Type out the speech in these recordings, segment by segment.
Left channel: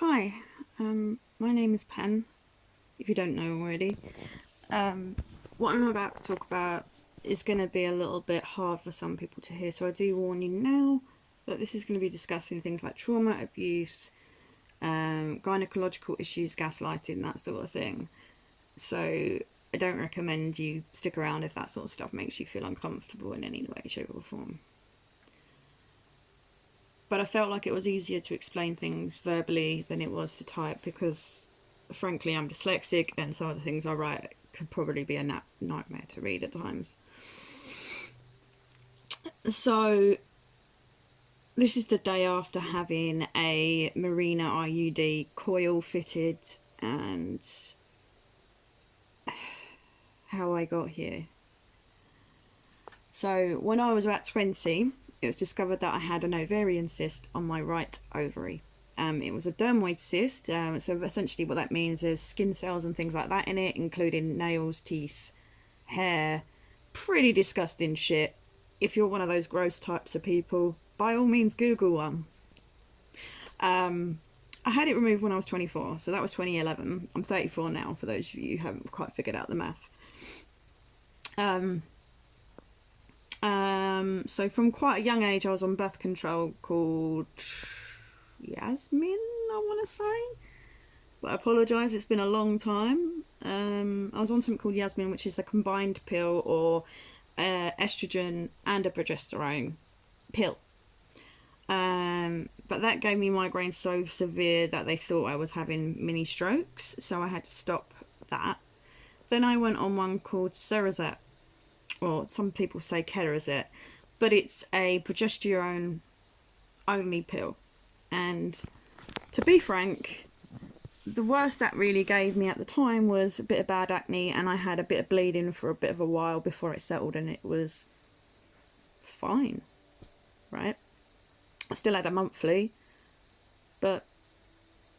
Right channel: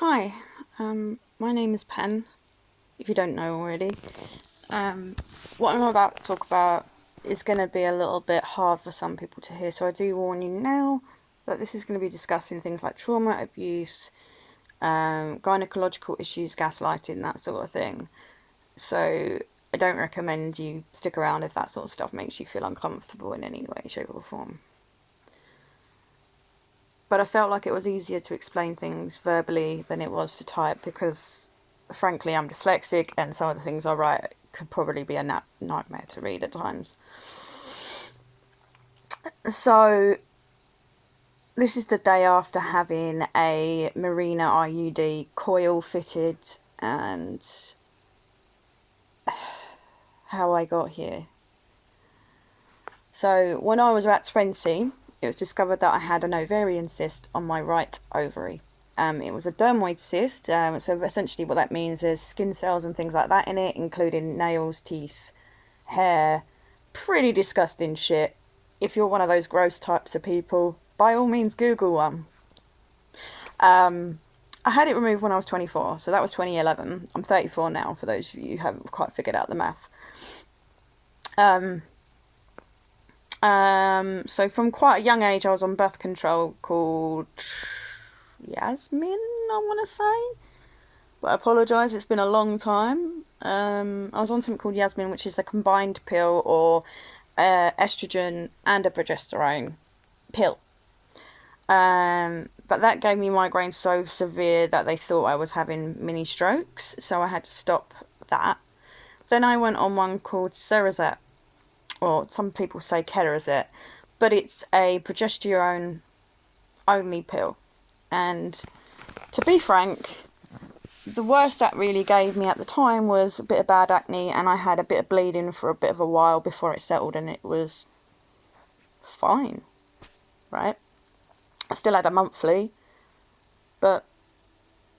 Hi, my name is Pen, if you don't know already. What I'm about to talk about is going to be a little bit hard for some people to hear, so I do warn you now that this is going to be discussing things like trauma, abuse, gynecological issues, gaslighting, that sort of thing. So I don't recommend you stick around if that sort of stuff makes you feel uncomfortable in any way, shape, or form. But I felt like it was easier to explain things verbally than it was to type because, frankly, I'm dyslexic and some of the things I write could probably be a nightmare to read at times. So, this is the day after having a Marina IUD coil fitted and how I got here. So, when I was about 20, it was discovered that I had an ovarian cyst on my right ovary. It was a dermoid cyst, so essentially what that means is skin cells and things like that in it, including nails, teeth, hair. Pretty disgusting shit. If you're one of those gross types of people, by all means Google one. I had it removed when I was 24, so that was 2011. I'm 34 now, for those of you who haven't quite figured out the math. So from quite a young age, I was on birth control called Yasmin, I want to say. But I apologise, it's been a long time. I was on something called Yasmin, which is a combined pill or estrogen and a progesterone pill. But that gave me migraines so severe that they thought I was having mini strokes, so I had to stop that. Then I went on one called Cerazette, or some people say Kerazette, but it's a progesterone only pill. And to be frank, the worst that really gave me at the time was a bit of bad acne, and I had a bit of bleeding for a bit of a while before it settled, and it was fine, right? I still had a monthly, but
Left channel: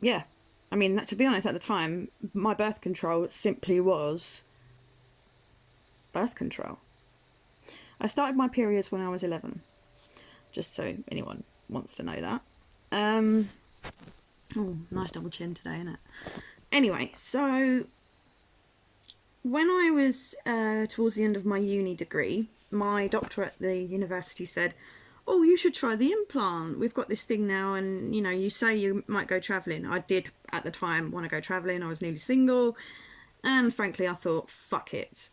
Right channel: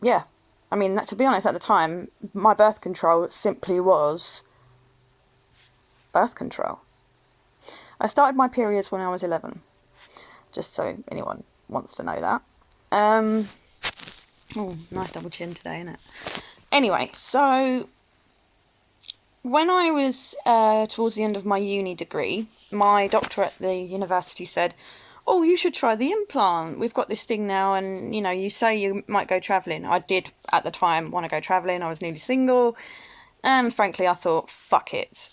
yeah. I mean, to be honest, at the time, my birth control simply was birth control. I started my periods when I was 11, just so anyone wants to know that. Oh, nice double chin today, isn't it? Anyway, so when I was towards the end of my uni degree, my doctor at the university said, "Oh, you should try the implant. We've got this thing now, and you say you might go travelling." I did at the time want to go travelling. I was newly single, and frankly, I thought, fuck it.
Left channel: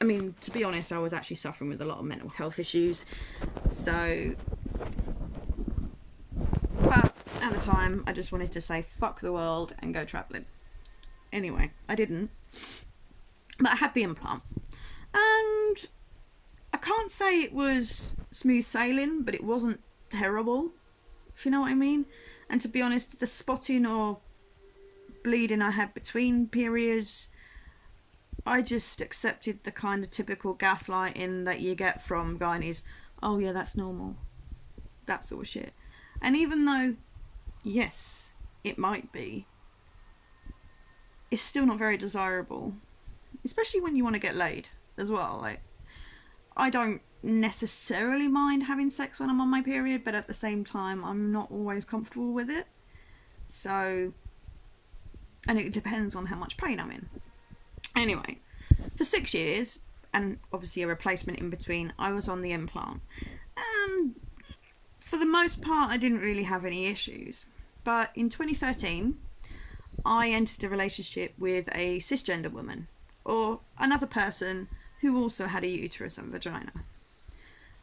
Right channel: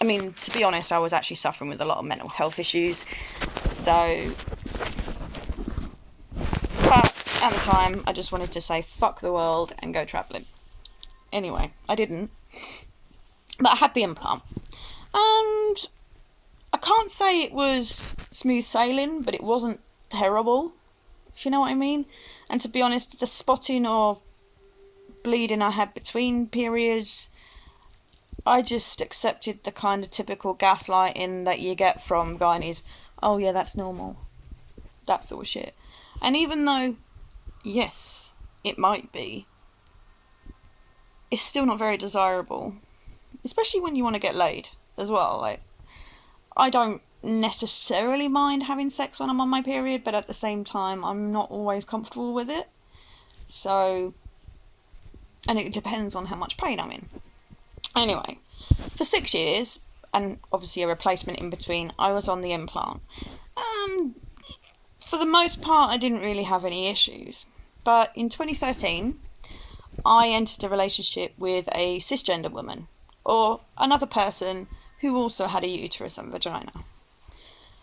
I mean, to be honest, I was actually suffering with a lot of mental health issues, so. But at the time, I just wanted to say fuck the world and go travelling. Anyway, I didn't, but I had the implant, and I can't say it was smooth sailing, but it wasn't terrible, if you know what I mean. And to be honest, the spotting or bleeding I had between periods, I just accepted the kind of typical gaslighting that you get from gynaes. Oh yeah, that's normal. That sort of shit. And even though, yes, it might be, it's still not very desirable. Especially when you want to get laid as well. Like, I don't necessarily mind having sex when I'm on my period, but at the same time, I'm not always comfortable with it. So, and it depends on how much pain I'm in. Anyway, for 6 years, and obviously a replacement in between, I was on the implant. And for the most part, I didn't really have any issues. But in 2013, I entered a relationship with a cisgender woman, or another person who also had a uterus and vagina.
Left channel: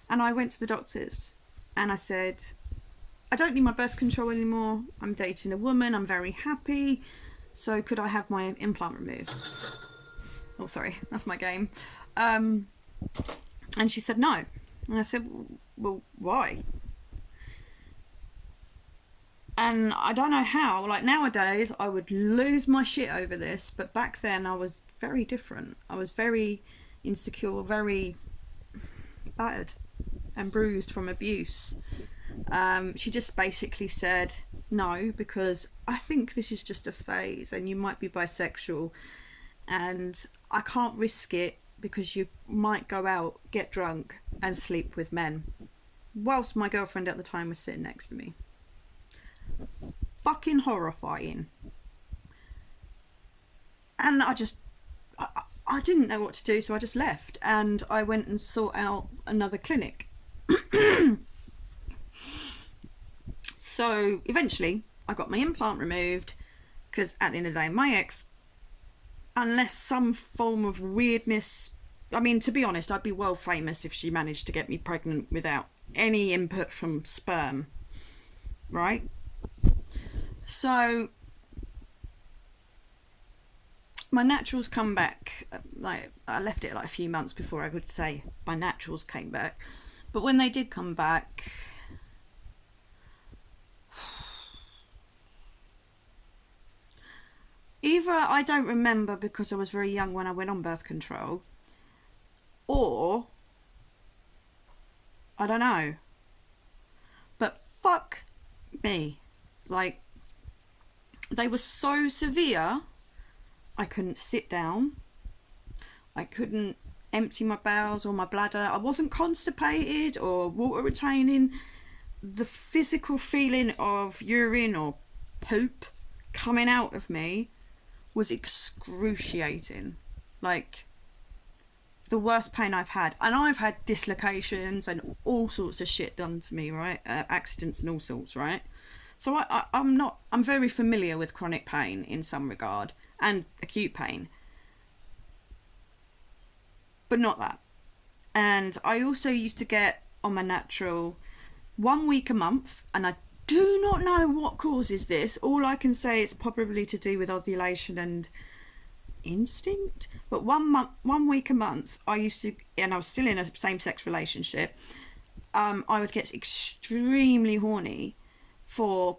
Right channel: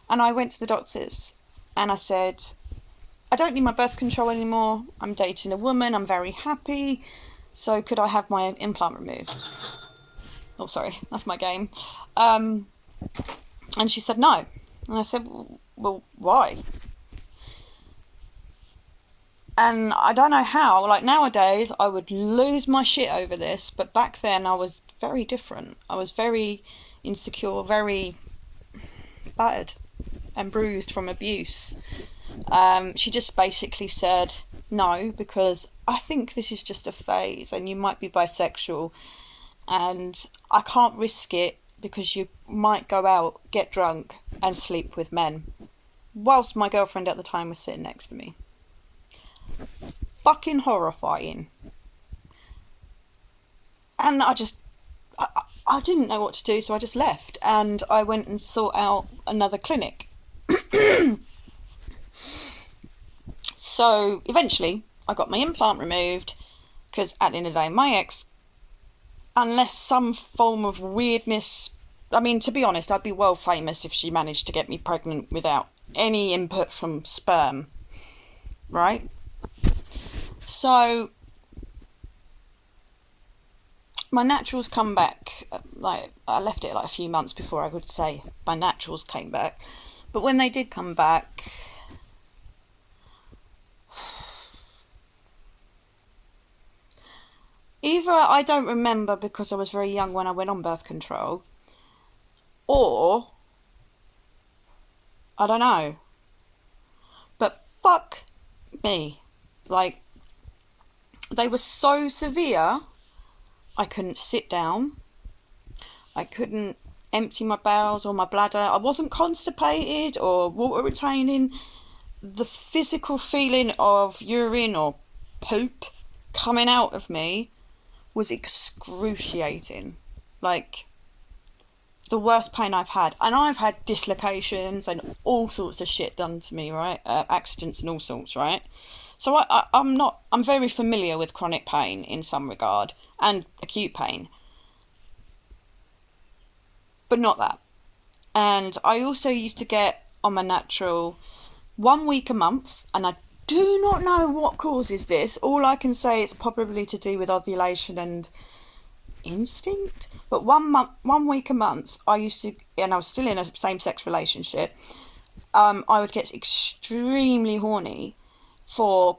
And I went to the doctors and I said, I don't need my birth control anymore. I'm dating a woman. I'm very happy. So could I have my implant removed? Oh, sorry, that's my game. And she said no. And I said, well, why? And I don't know how, like nowadays I would lose my shit over this, but back then I was very different. I was very insecure, very battered and bruised from abuse. She just basically said no, because I think this is just a phase and you might be bisexual and I can't risk it because you might go out, get drunk and sleep with men, whilst my girlfriend at the time was sitting next to me. fucking horrifying. And I didn't know what to do, so I just left and I went and sought out another clinic. So eventually I got my implant removed because at the end of the day, my ex, unless some form of weirdness, I mean, to be honest, I'd be world famous if she managed to get me pregnant without any input from sperm, right? So my naturals come back, like I left it like a few months before I could say my naturals came back. But when they did come back, either I don't remember because I was very young when I went on birth control, or I don't know. But fuck me. Like, they were so severe, I couldn't sit down. I couldn't empty my bowels or my bladder. I wasn't constipated or water retaining. The physical feeling of urine or poop coming out of me was excruciating. Like, the worst pain I've had. And I've had dislocations and all sorts of shit done to me, right? Accidents and all sorts, right? So I'm very familiar with chronic pain in some regard and acute pain. But not that. And I also used to get on my natural 1 week a month, and I do not know what causes this. All I can say it's probably to do with ovulation and instinct. But 1 week a month, I used to, and I was still in a same-sex relationship. I would get extremely horny for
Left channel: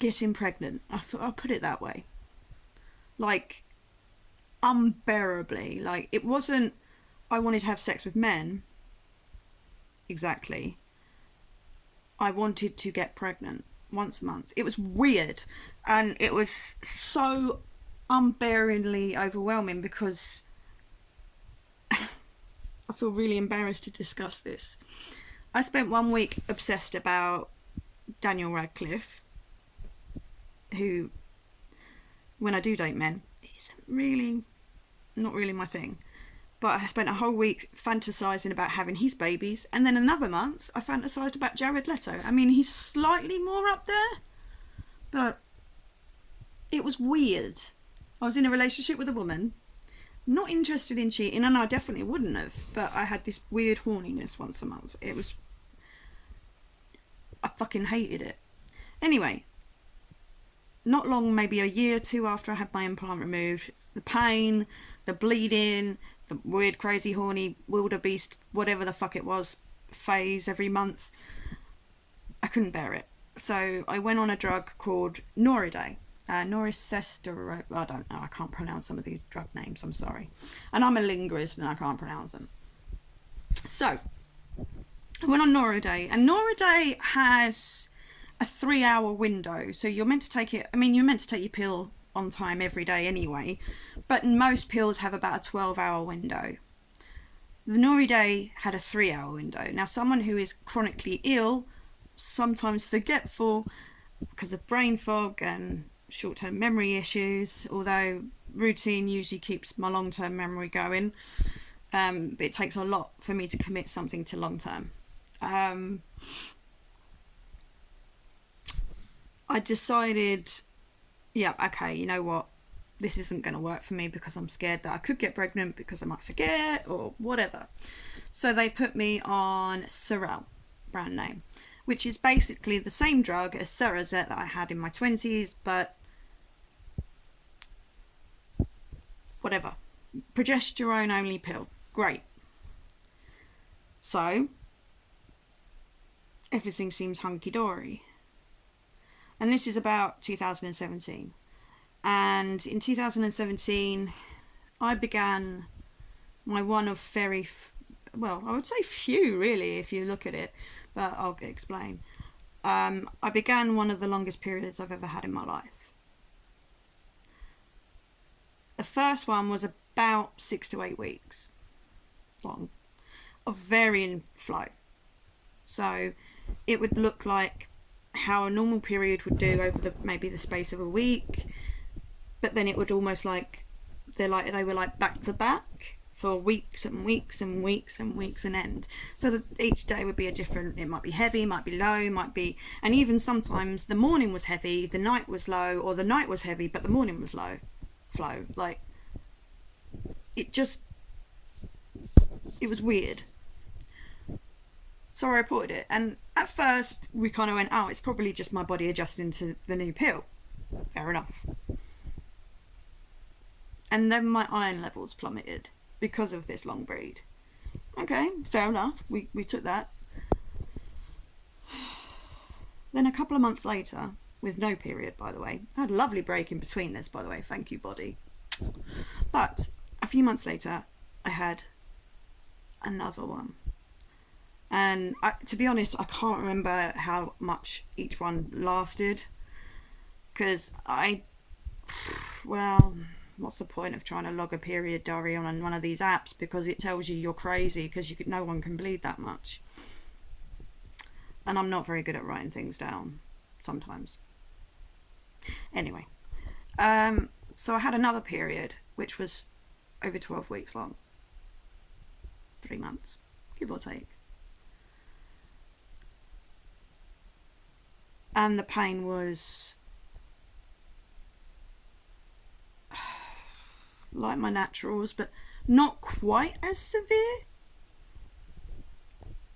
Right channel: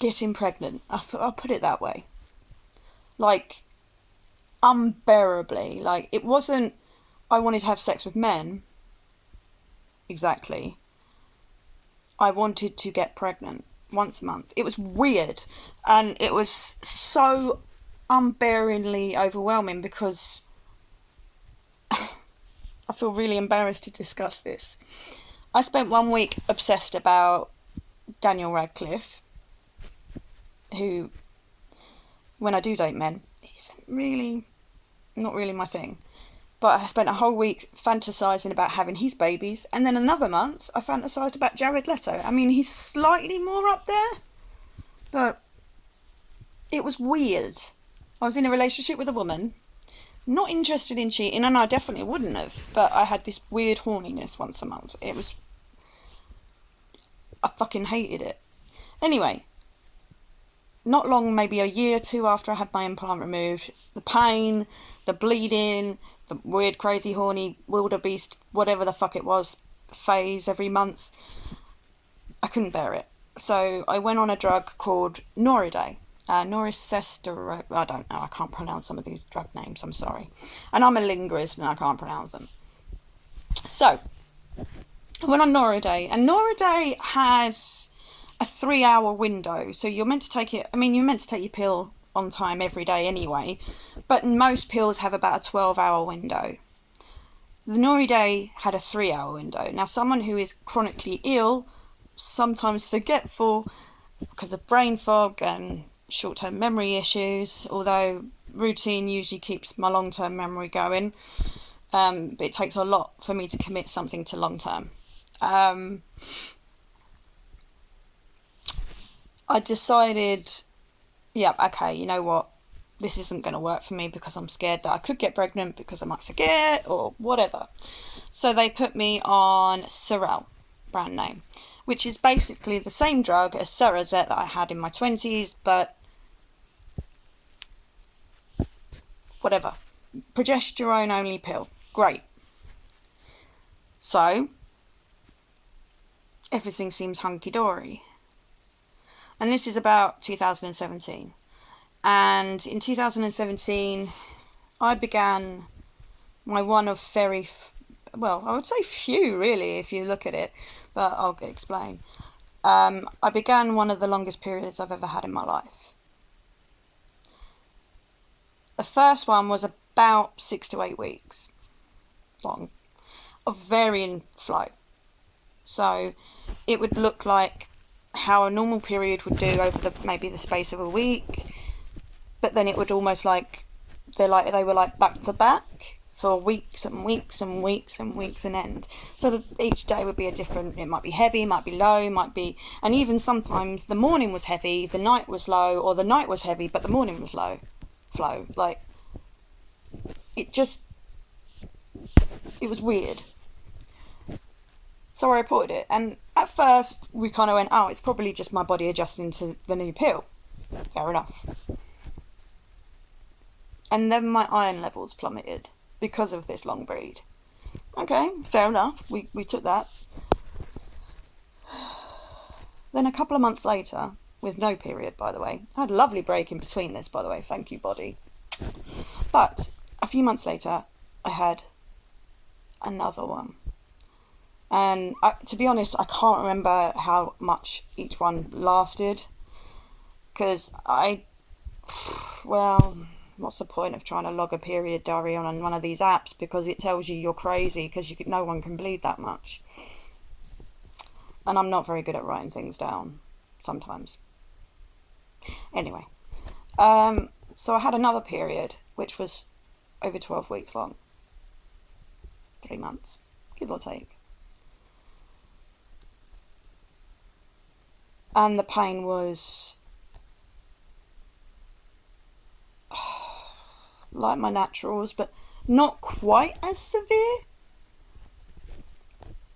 getting pregnant. I'll put it that way. Like, unbearably. Like, it wasn't I wanted to have sex with men. Exactly. I wanted to get pregnant once a month. It was weird, and it was so unbearably overwhelming because I feel really embarrassed to discuss this. I spent 1 week obsessed about Daniel Radcliffe, who, when I do date men, isn't really, not really my thing. But I spent a whole week fantasising about having his babies, and then another month I fantasised about Jared Leto. I mean, he's slightly more up there, but it was weird. I was in a relationship with a woman, not interested in cheating, and I definitely wouldn't have, but I had this weird horniness once a month. I fucking hated it. Anyway, not long, maybe a year or two after I had my implant removed, the pain, the bleeding, the weird, crazy, horny, wildebeest, whatever the fuck it was, phase every month, I couldn't bear it. So I went on a drug called Noriday. Noricestero, I don't know, I can't pronounce some of these drug names, I'm sorry. And I'm a linguist and I can't pronounce them. So, I went on Noriday, and Noriday has a 3-hour window. So you're meant to take it, I mean, you're meant to take your pill on time every day anyway, but most pills have about a 12-hour window. The Noriday had a 3-hour window. Now, someone who is chronically ill, sometimes forgetful because of brain fog and short-term memory issues, although routine usually keeps my long-term memory going, but it takes a lot for me to commit something to long-term. I decided, yeah, okay, you know what, this isn't going to work for me because I'm scared that I could get pregnant because I might forget or whatever. So they put me on Serel, brand name, which is basically the same drug as Cerazette that I had in my 20s, but whatever. Progesterone only pill. Great. So, everything seems hunky-dory. And this is about 2017. And in 2017, I began my one of very, well, I would say few really, if you look at it, but I'll explain. I began one of the longest periods I've ever had in my life. The first one was about 6 to 8 weeks long, of varying flow. So it would look like how a normal period would do over maybe the space of a week, but then it would almost like they were like back to back for weeks and weeks and weeks and weeks and end. So that each day would be a different, it might be heavy, might be low, might be, and even sometimes the morning was heavy, the night was low, or the night was heavy but the morning was low flow. Like, it was weird. So I reported it, and at first we kind of went, oh, it's probably just my body adjusting to the new pill. Fair enough. And then my iron levels plummeted because of this long bleed. Okay, fair enough. We took that. Then a couple of months later, with no period, by the way. I had a lovely break in between this, by the way. Thank you, body. But a few months later, I had another one. And to be honest, I can't remember how much each one lasted. Because what's the point of trying to log a period diary on one of these apps, because it tells you you're crazy because no one can bleed that much. And I'm not very good at writing things down sometimes. Anyway, so I had another period which was over 12 weeks long. 3 months, give or take. And the pain was like my naturals, but not quite as severe,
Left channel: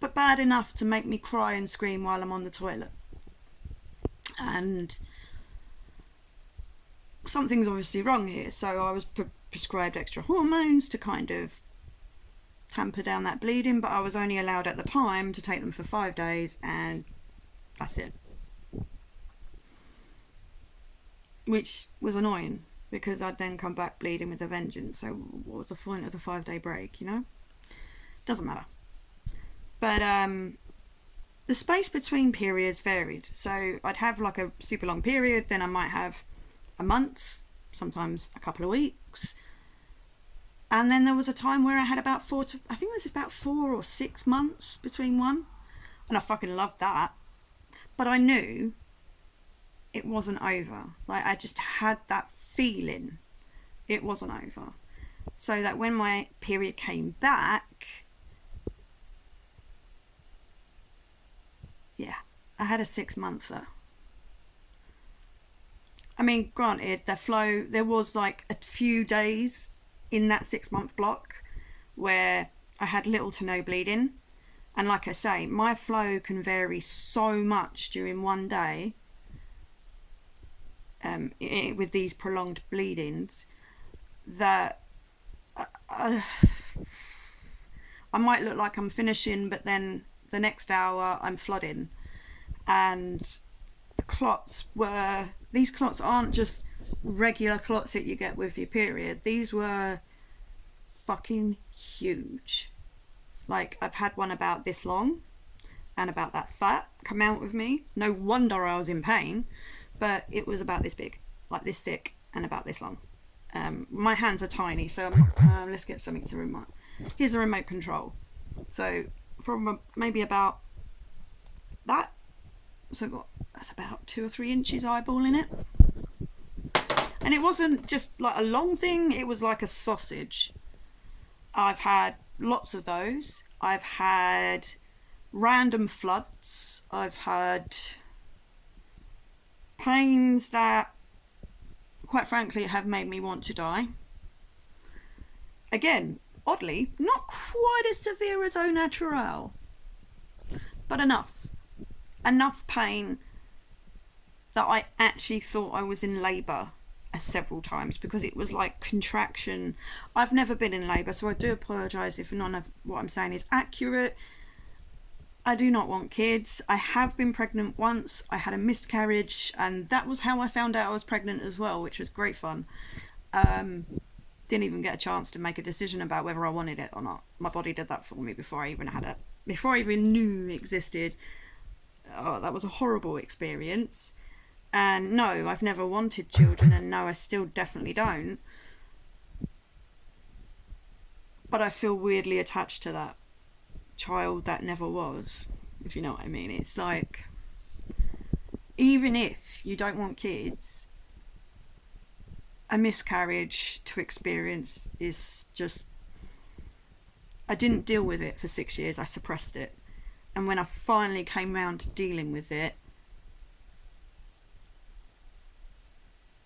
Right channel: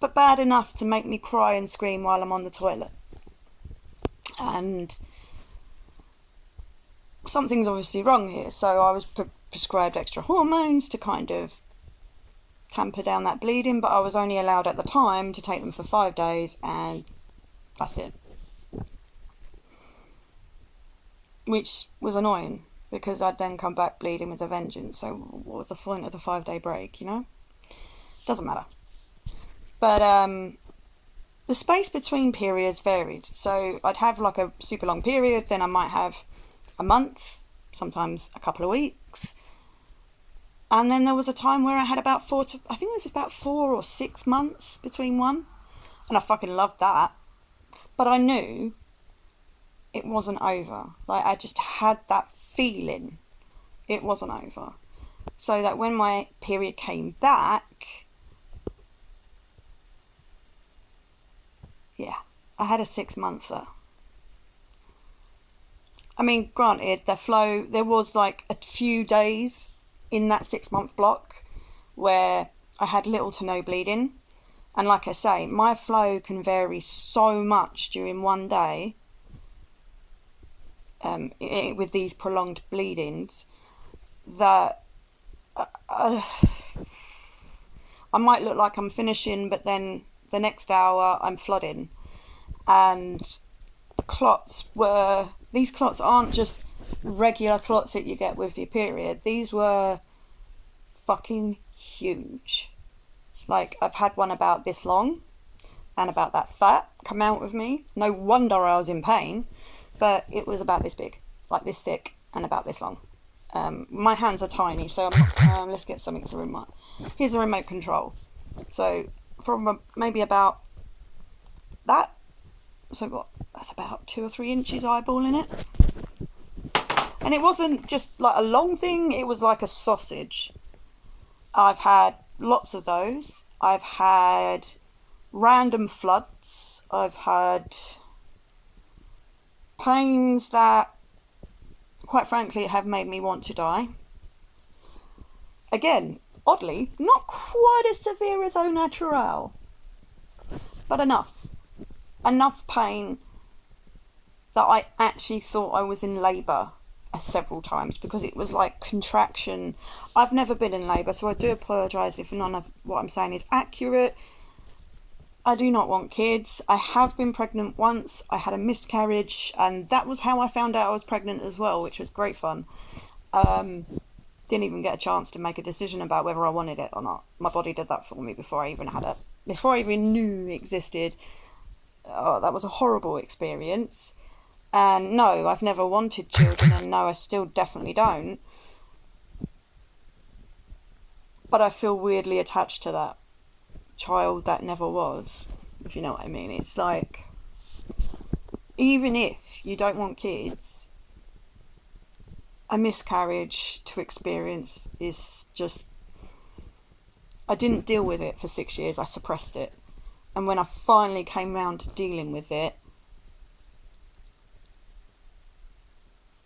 but bad enough to make me cry and scream while I'm on the toilet. And something's obviously wrong here, so I was prescribed extra hormones to kind of tamper down that bleeding, but I was only allowed at the time to take them for 5 days, and that's it. Which was annoying, because I'd then come back bleeding with a vengeance. So what was the point of the 5-day break, you know? Doesn't matter. But the space between periods varied. So I'd have like a super long period, then I might have a month, sometimes a couple of weeks. And then there was a time where I had about 4 or 6 months between one. And I fucking loved that. But I knew it wasn't over. Like, I just had that feeling it wasn't over. So that when my period came back, yeah, I had a 6-monther. I mean, granted, the flow, there was like a few days in that 6-month block where I had little to no bleeding. And like I say, my flow can vary so much during one day with these prolonged bleedings that I might look like I'm finishing, but then the next hour I'm flooding. And these clots aren't just regular clots that you get with your period. These were fucking huge. Like, I've had one about this long and about that fat come out of me. No wonder I was in pain, but it was about this big, like this thick, and about this long. My hands are tiny, so I'm not, let's get something to remote. Here's a remote control. So from maybe about that, so that's about 2 or 3 inches eyeballing it. And it wasn't just like a long thing, it was like a sausage. I've had lots of those. I've had random floods. I've had pains that, quite frankly, have made me want to die. Again, oddly, not quite as severe as au naturel, but enough pain that I actually thought I was in labour several times, because it was like contraction. I've never been in labour, so I do apologise if none of what I'm saying is accurate. I do not want kids. I have been pregnant once. I had a miscarriage, and that was how I found out I was pregnant as well, which was great fun. Didn't even get a chance to make a decision about whether I wanted it or not. My body did that for me before I even knew it existed. Oh, that was a horrible experience. And no, I've never wanted children, and no, I still definitely don't. But I feel weirdly attached to that child that never was, if you know what I mean. It's like, even if you don't want kids, a miscarriage to experience is just... I didn't deal with it for 6 years. I suppressed it. And when I finally came round to dealing with it,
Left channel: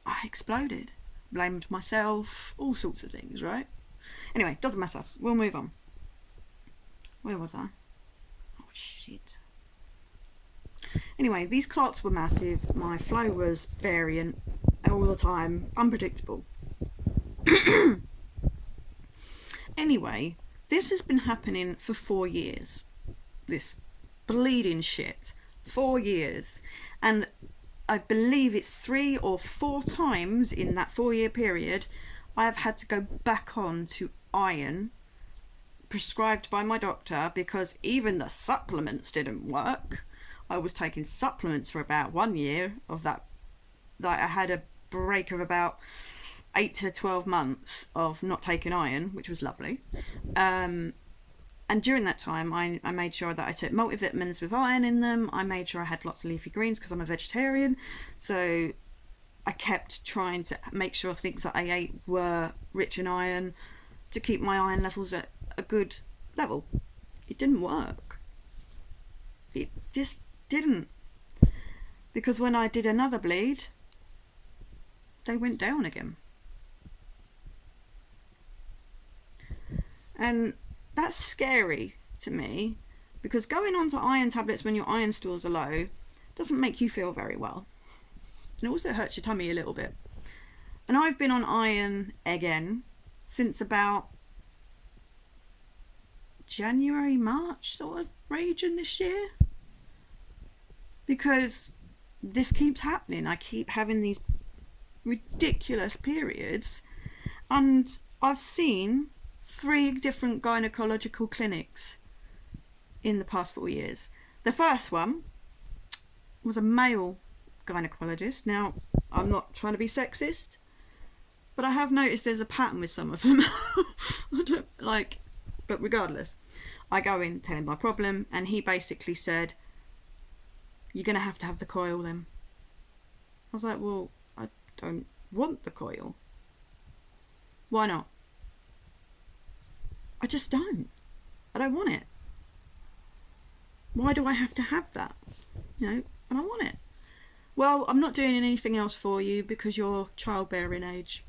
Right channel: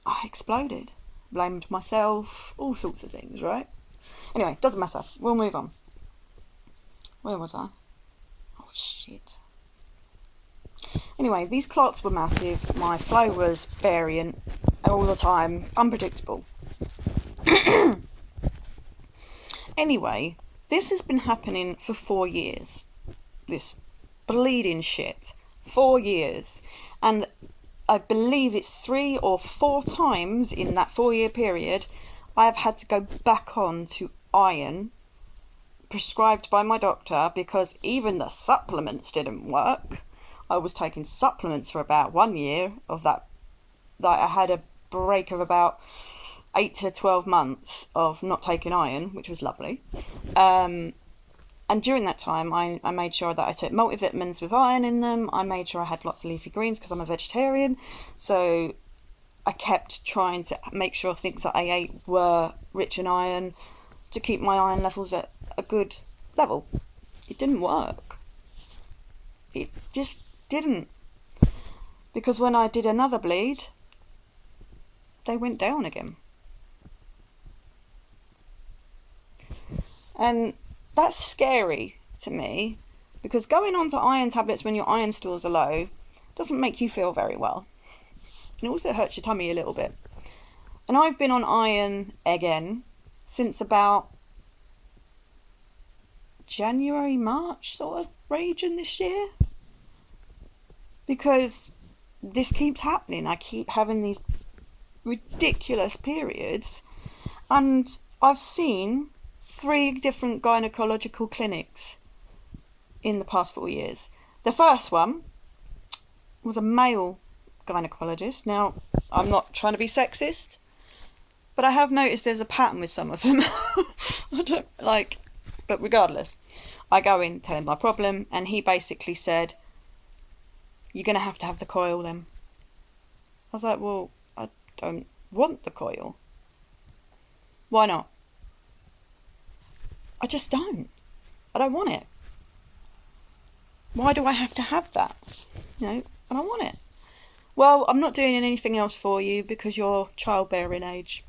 I exploded. Blamed myself, all sorts of things, right? Anyway, doesn't matter. We'll move on. Where was I? Oh, shit. Anyway, these clots were massive. My flow was variant all the time. Unpredictable. Anyway, this has been happening for 4 years. This bleeding shit. 4 years. And I believe it's 3 or 4 times in that 4-year period I have had to go back on to iron prescribed by my doctor, because even the supplements didn't work. I was taking supplements for about 1 year of that. I had a break of about 8 to 12 months of not taking iron, which was lovely. And during that time, I made sure that I took multivitamins with iron in them. I made sure I had lots of leafy greens because I'm a vegetarian. So I kept trying to make sure things that I ate were rich in iron to keep my iron levels at a good level. It didn't work. It just didn't. Because when I did another bleed, they went down again. And that's scary to me, because going on to iron tablets when your iron stores are low doesn't make you feel very well. And it also hurts your tummy a little bit. And I've been on iron again since about January, March sort of region this year. Because this keeps happening. I keep having these ridiculous periods. And I've seen 3 different gynaecological clinics in the past 4 years. The first one was a male gynecologist. Now, I'm not trying to be sexist, but I have noticed there's a pattern with some of them. I don't like, but regardless, I go in, tell him my problem, and he basically said, "You're going to have the coil then." I was like, "Well, I don't want the coil." "Why not?" "I just don't. I don't want it. Why do I have to have that? I don't want it." "Well, I'm not doing anything else for you because you're childbearing age."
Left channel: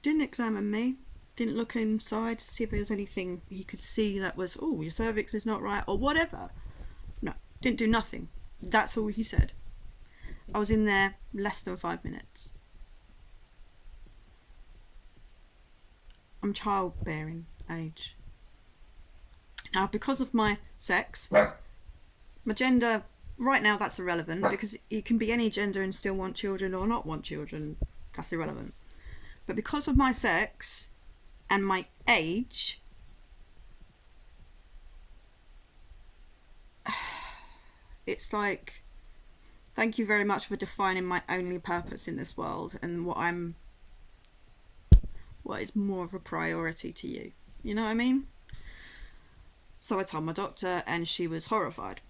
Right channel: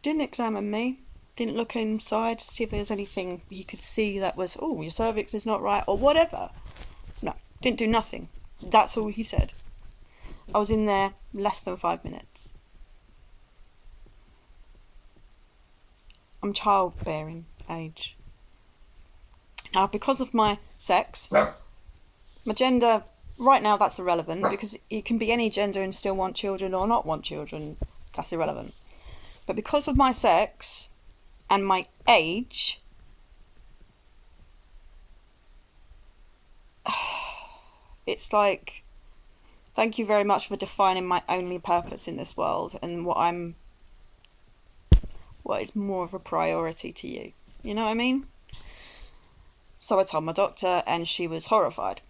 Didn't examine me. Didn't look inside to see if there was anything he could see that was, "Oh, your cervix is not right," or whatever. No, didn't do nothing. That's all he said. I was in there less than 5 minutes. I'm childbearing age. Now, because of my sex, my gender, right now that's irrelevant, because you can be any gender and still want children or not want children. That's irrelevant. But because of my sex and my age, it's like, thank you very much for defining my only purpose in this world and what is more of a priority to you. You know what I mean? So I told my doctor, and she was horrified.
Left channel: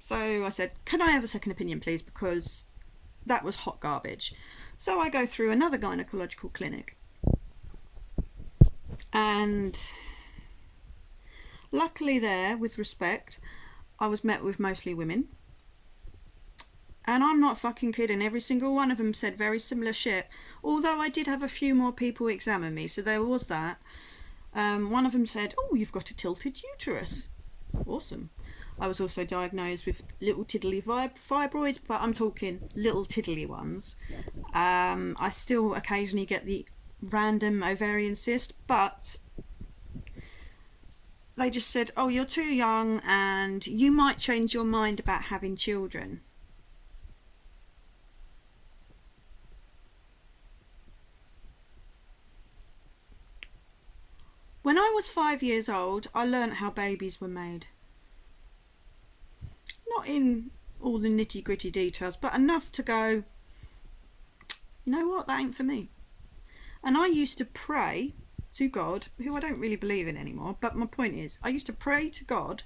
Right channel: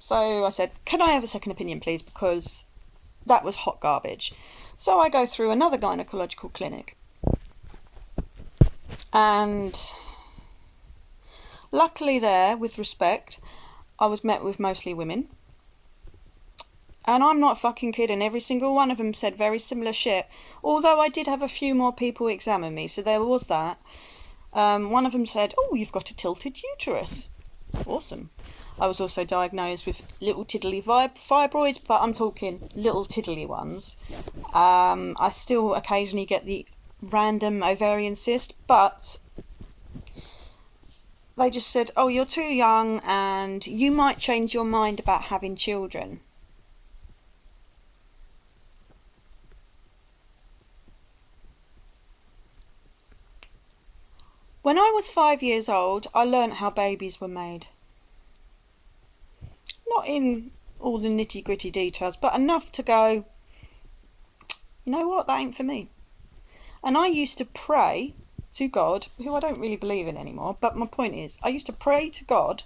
So I said, "Can I have a second opinion, please? Because that was hot garbage." So I go through another gynaecological clinic. And luckily there, with respect, I was met with mostly women. And I'm not fucking kidding. Every single one of them said very similar shit. Although I did have a few more people examine me, so there was that. One of them said, "Oh, you've got a tilted uterus." Awesome. I was also diagnosed with little tiddly fibroids, but I'm talking little tiddly ones. I still occasionally get the random ovarian cyst, but they just said, "Oh, you're too young and you might change your mind about having children." When I was 5 years old, I learnt how babies were made. Not in all the nitty-gritty details, but enough to go, you know what, that ain't for me. And I used to pray to God, who I don't really believe in anymore, but my point is, I used to pray to God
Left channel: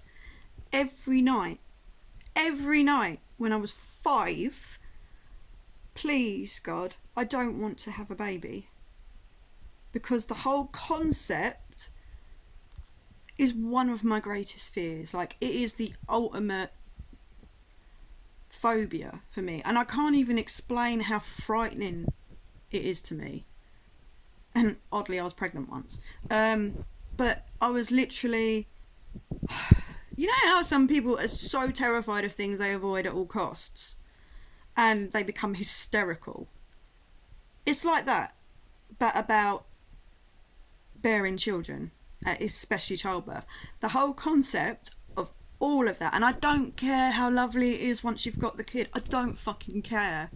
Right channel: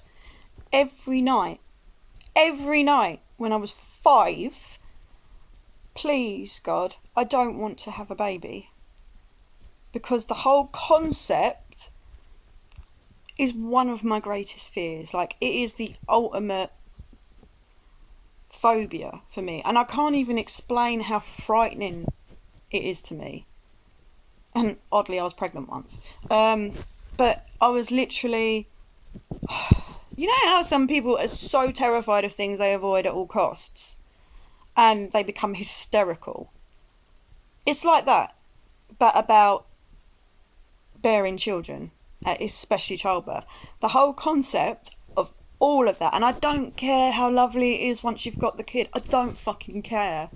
every night when I was 5, please, God, I don't want to have a baby. Because the whole concept is one of my greatest fears. Like, it is the ultimate phobia for me. And I can't even explain how frightening it is to me. And oddly, I was pregnant once. But I was literally... You know how some people are so terrified of things they avoid at all costs? And they become hysterical. It's like that, but about bearing children, especially childbirth. The whole concept of all of that, and I don't care how lovely it is once you've got the kid. I don't fucking care.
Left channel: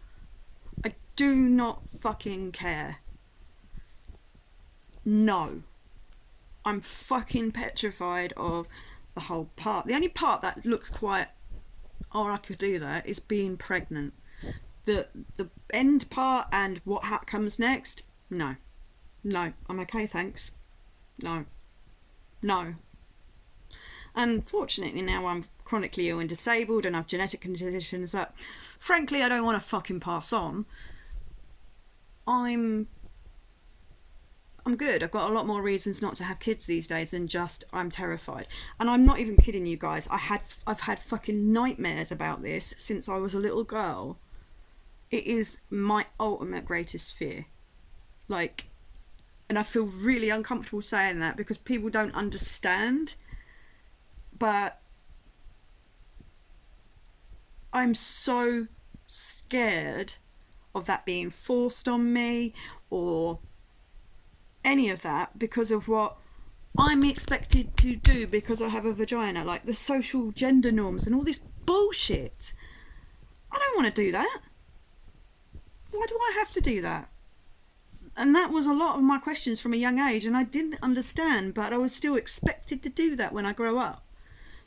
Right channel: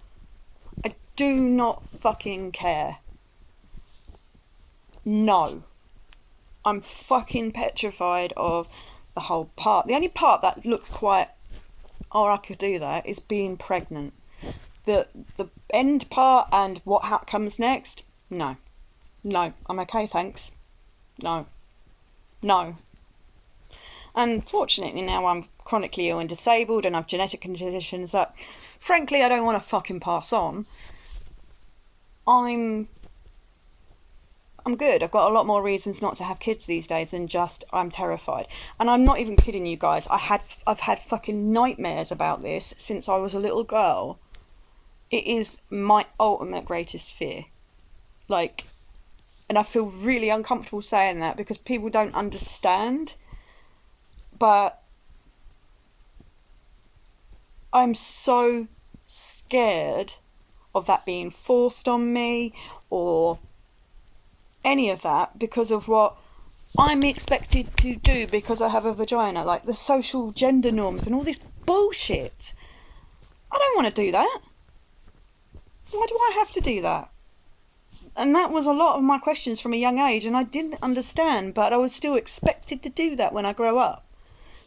I do not fucking care. No. I'm fucking petrified of the whole part. The only part that looks quite, oh, I could do that, is being pregnant. The end part and what comes next, no, I'm okay, thanks. No. Unfortunately, now I'm chronically ill and disabled, and I've genetic conditions that, frankly, I don't want to fucking pass on. I'm good. I've got a lot more reasons not to have kids these days than just I'm terrified. And I'm not even kidding you guys. I've had fucking nightmares about this since I was a little girl. It is my ultimate greatest fear. Like, and I feel really uncomfortable saying that because people don't understand. But I'm so scared of that being forced on me or any of that because of what I'm expected to do because I have a vagina, like the social gender norms and all this bullshit. I don't want to do that. Why do I have to do that? And that was a lot of my questions from a young age, and I didn't understand, but I was still expected to do that when I grow up.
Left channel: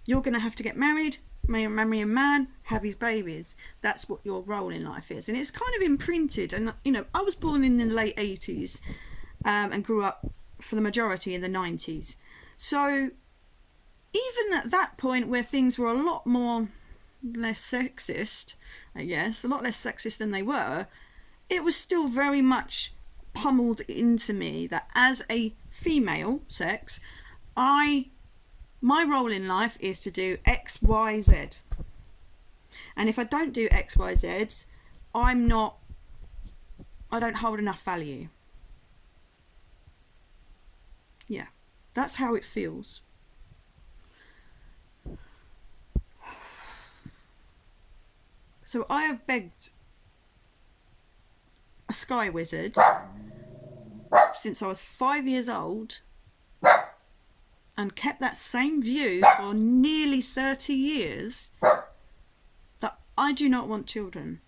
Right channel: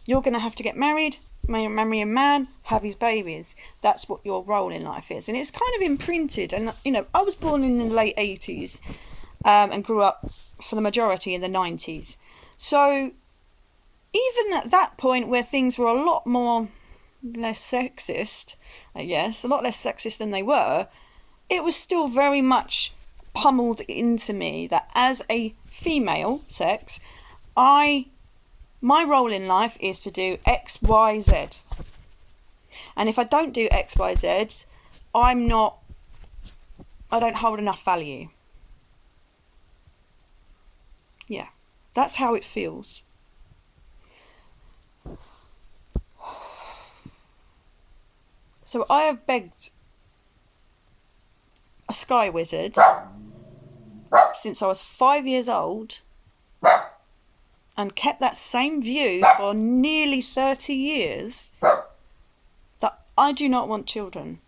You're going to have to get married, marry a man, have his babies. That's what your role in life is. And it's kind of imprinted. And, you know, I was born in the late 80s and grew up for the majority in the 90s. So even at that point where things were a lot more less sexist, I guess, a lot less sexist than they were, it was still very much pummeled into me that as a female sex, my role in life is to do X, Y, Z. And if I don't do X, Y, Z, I don't hold enough value. Yeah, that's how it feels. So I have begged a sky wizard since I was 5 years old and kept that same view for nearly 30 years that I do not want children.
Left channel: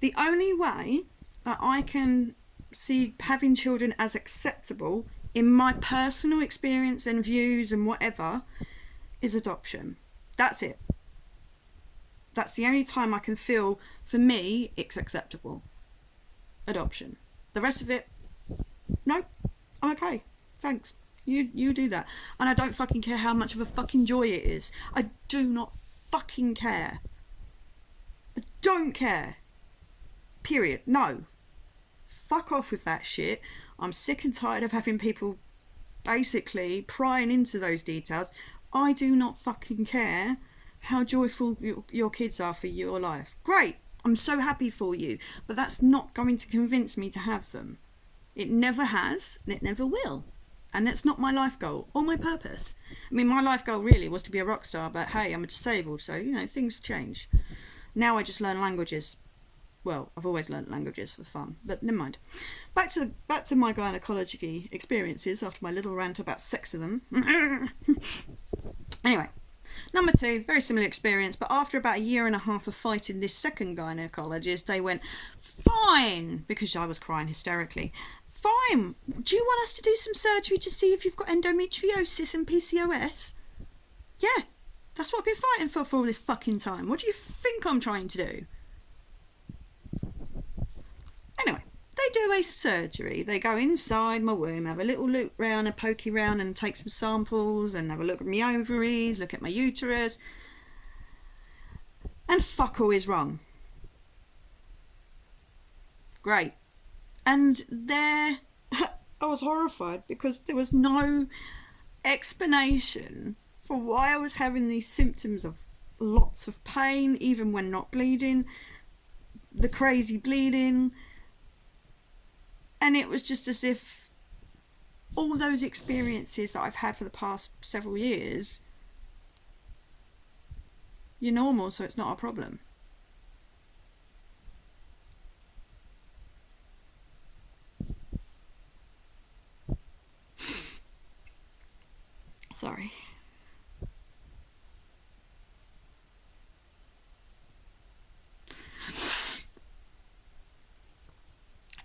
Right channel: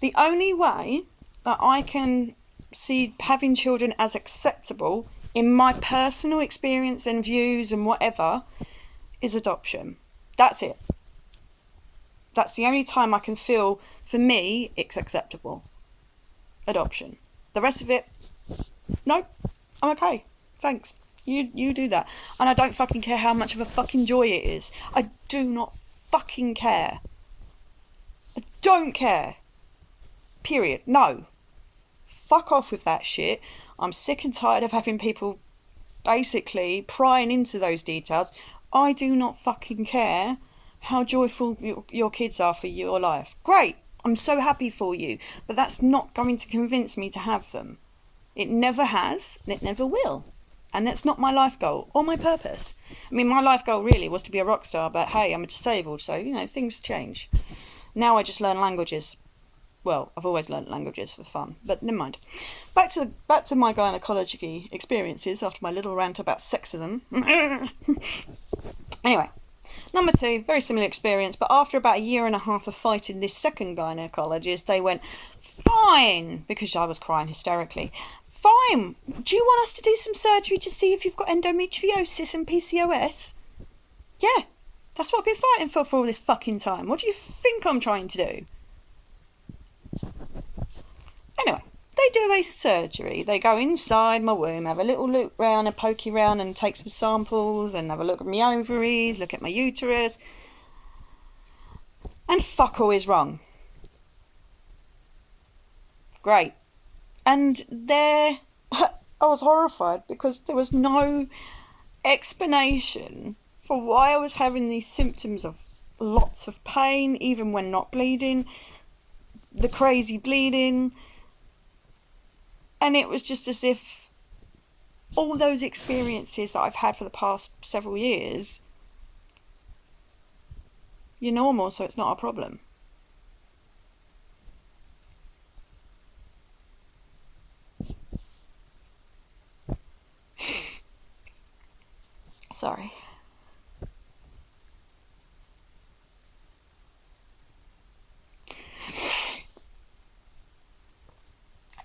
The only way that I can see having children as acceptable in my personal experience and views and whatever is adoption. That's it. That's the only time I can feel, for me, it's acceptable. Adoption. The rest of it, no, I'm okay. Thanks. You do that. And I don't fucking care how much of a fucking joy it is. I do not fucking care. I don't care. Period. No. Fuck off with that shit. I'm sick and tired of having people basically prying into those details. I do not fucking care how joyful your kids are for your life. Great. I'm so happy for you. But that's not going to convince me to have them. It never has, and it never will. And that's not my life goal or my purpose. I mean, my life goal really was to be a rock star, but hey, I'm disabled, so, you know, things change. Now I just learn languages. Well, I've always learnt languages for fun, but never mind. Back to my gynaecology experiences after my little rant about sexism. Anyway, number 2, very similar experience, but after about a year and a half of fighting this second gynaecologist, they went, fine, because I was crying hysterically. Fine, do you want us to do some surgery to see if you've got endometriosis and PCOS? Yeah, that's what I've been fighting for all this fucking time. What do you think I'm trying to do? Anyway, they do a surgery. They go inside my womb, have a little look round, a pokey round, and take some samples, and have a look at my ovaries, look at my uterus, and fuck all is wrong. Great. And there, I was horrified because there was no explanation for why I was having these symptoms of lots of pain, even when not bleeding, the crazy bleeding. And it was just as if all those experiences that I've had for the past several years, you're normal, so it's not a problem. Sorry.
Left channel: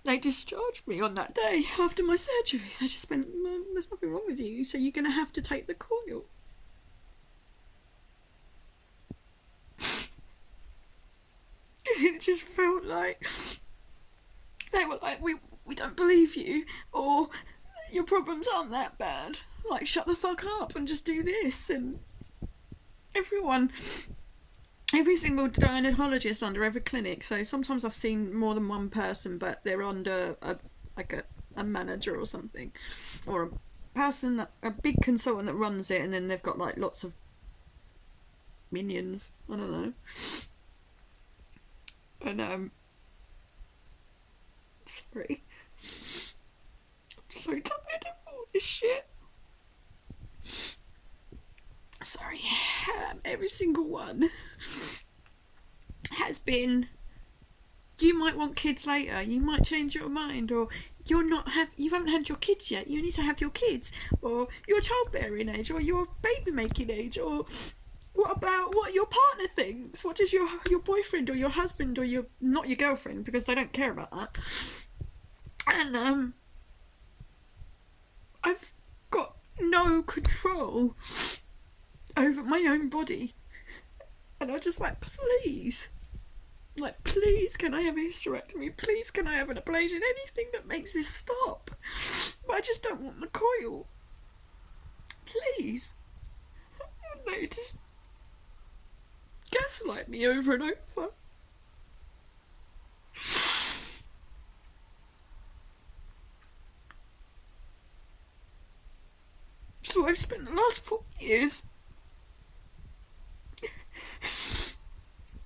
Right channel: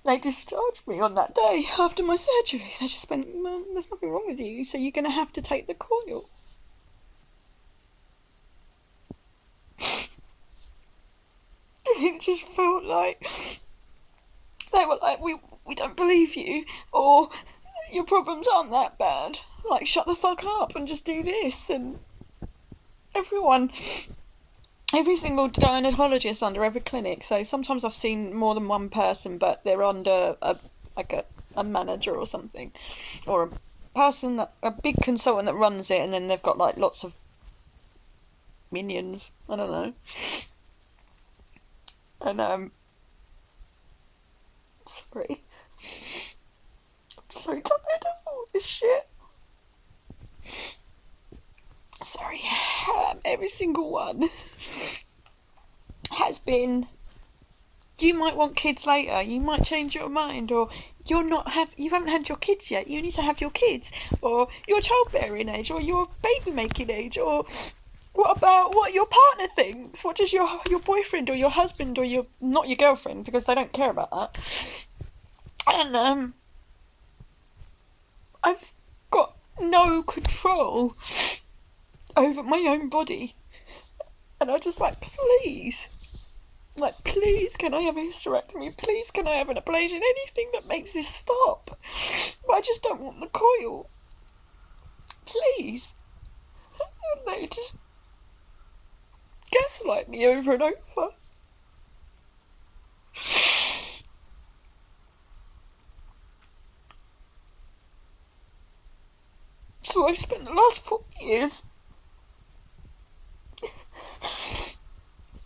They discharged me on that day after my surgery. They just went, well, there's nothing wrong with you, so you're going to have to take the coil. It just felt like they were like, we don't believe you, or your problems aren't that bad. Like, shut the fuck up and just do this. And every single gynaecologist under every clinic, so sometimes I've seen more than one person, but they're under a manager or something, or a person, a big consultant that runs it, and then they've got like lots of minions, I don't know. And sorry, I'm so tired of all this shit. Sorry, every single one has been, you might want kids later, you might change your mind, or you haven't had your kids yet, you need to have your kids, or your childbearing age, or your baby making age, or what about what your partner thinks? What does your boyfriend or your husband or not your girlfriend, because they don't care about that. And I've got no control over my own body, and I just please, can I have a hysterectomy? Please, can I have an ablation? Anything that makes this stop. But I just don't want the coil. Please. And they just gaslight me over and over. So I've spent the last 4 years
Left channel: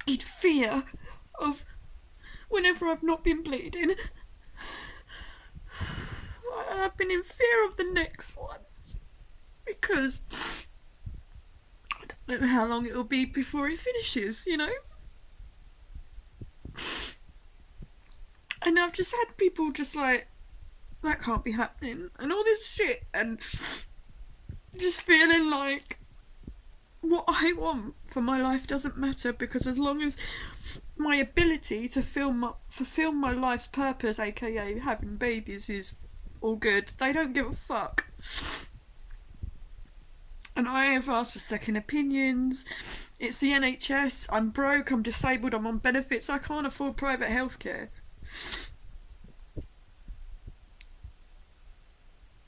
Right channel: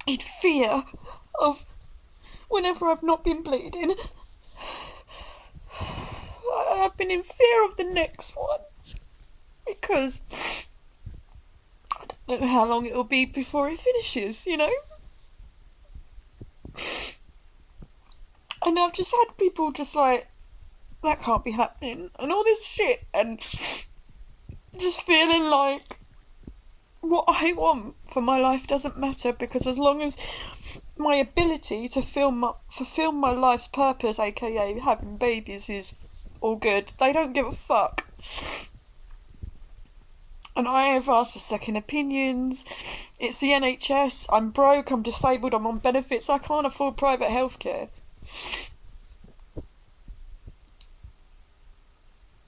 in fear of, whenever I've not been bleeding, I've been in fear of the next one, because I don't know how long it'll be before it finishes, you know? And I've just had people just like, that can't be happening, and all this shit, and just feeling like what I want for my life doesn't matter, because as long as my ability to fulfill my life's purpose, aka having babies, is all good, they don't give a fuck. And I have asked for second opinions. It's the NHS. I'm broke, I'm disabled, I'm on benefits, I can't afford private healthcare.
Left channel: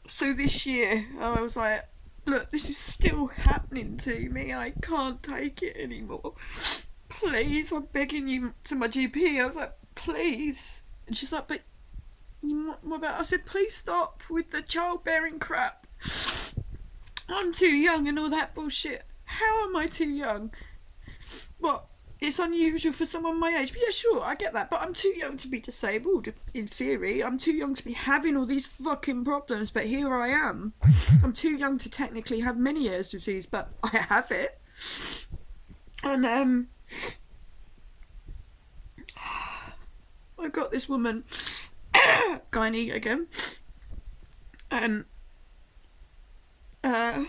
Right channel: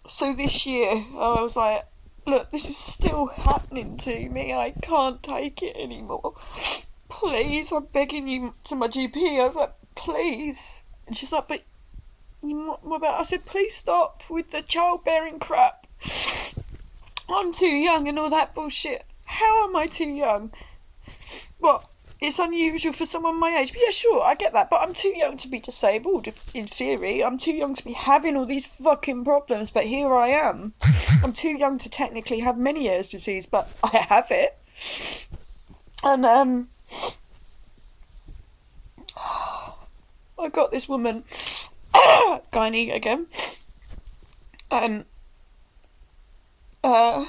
So this year I was like, look, this is still happening to me. I can't take it anymore. Please, I'm begging you, to my GP. I was like, please. And she's like, but what about? I said, please stop with the childbearing crap. I'm too young and all that bullshit. How am I too young? What? It's unusual for someone my age. But yeah, sure, I get that. But I'm too young to be disabled, in theory. I'm too young to be having all these fucking problems, but here I am. I'm too young to technically have Meniere's disease, but I have it. And, I got this woman, gynae again, and, I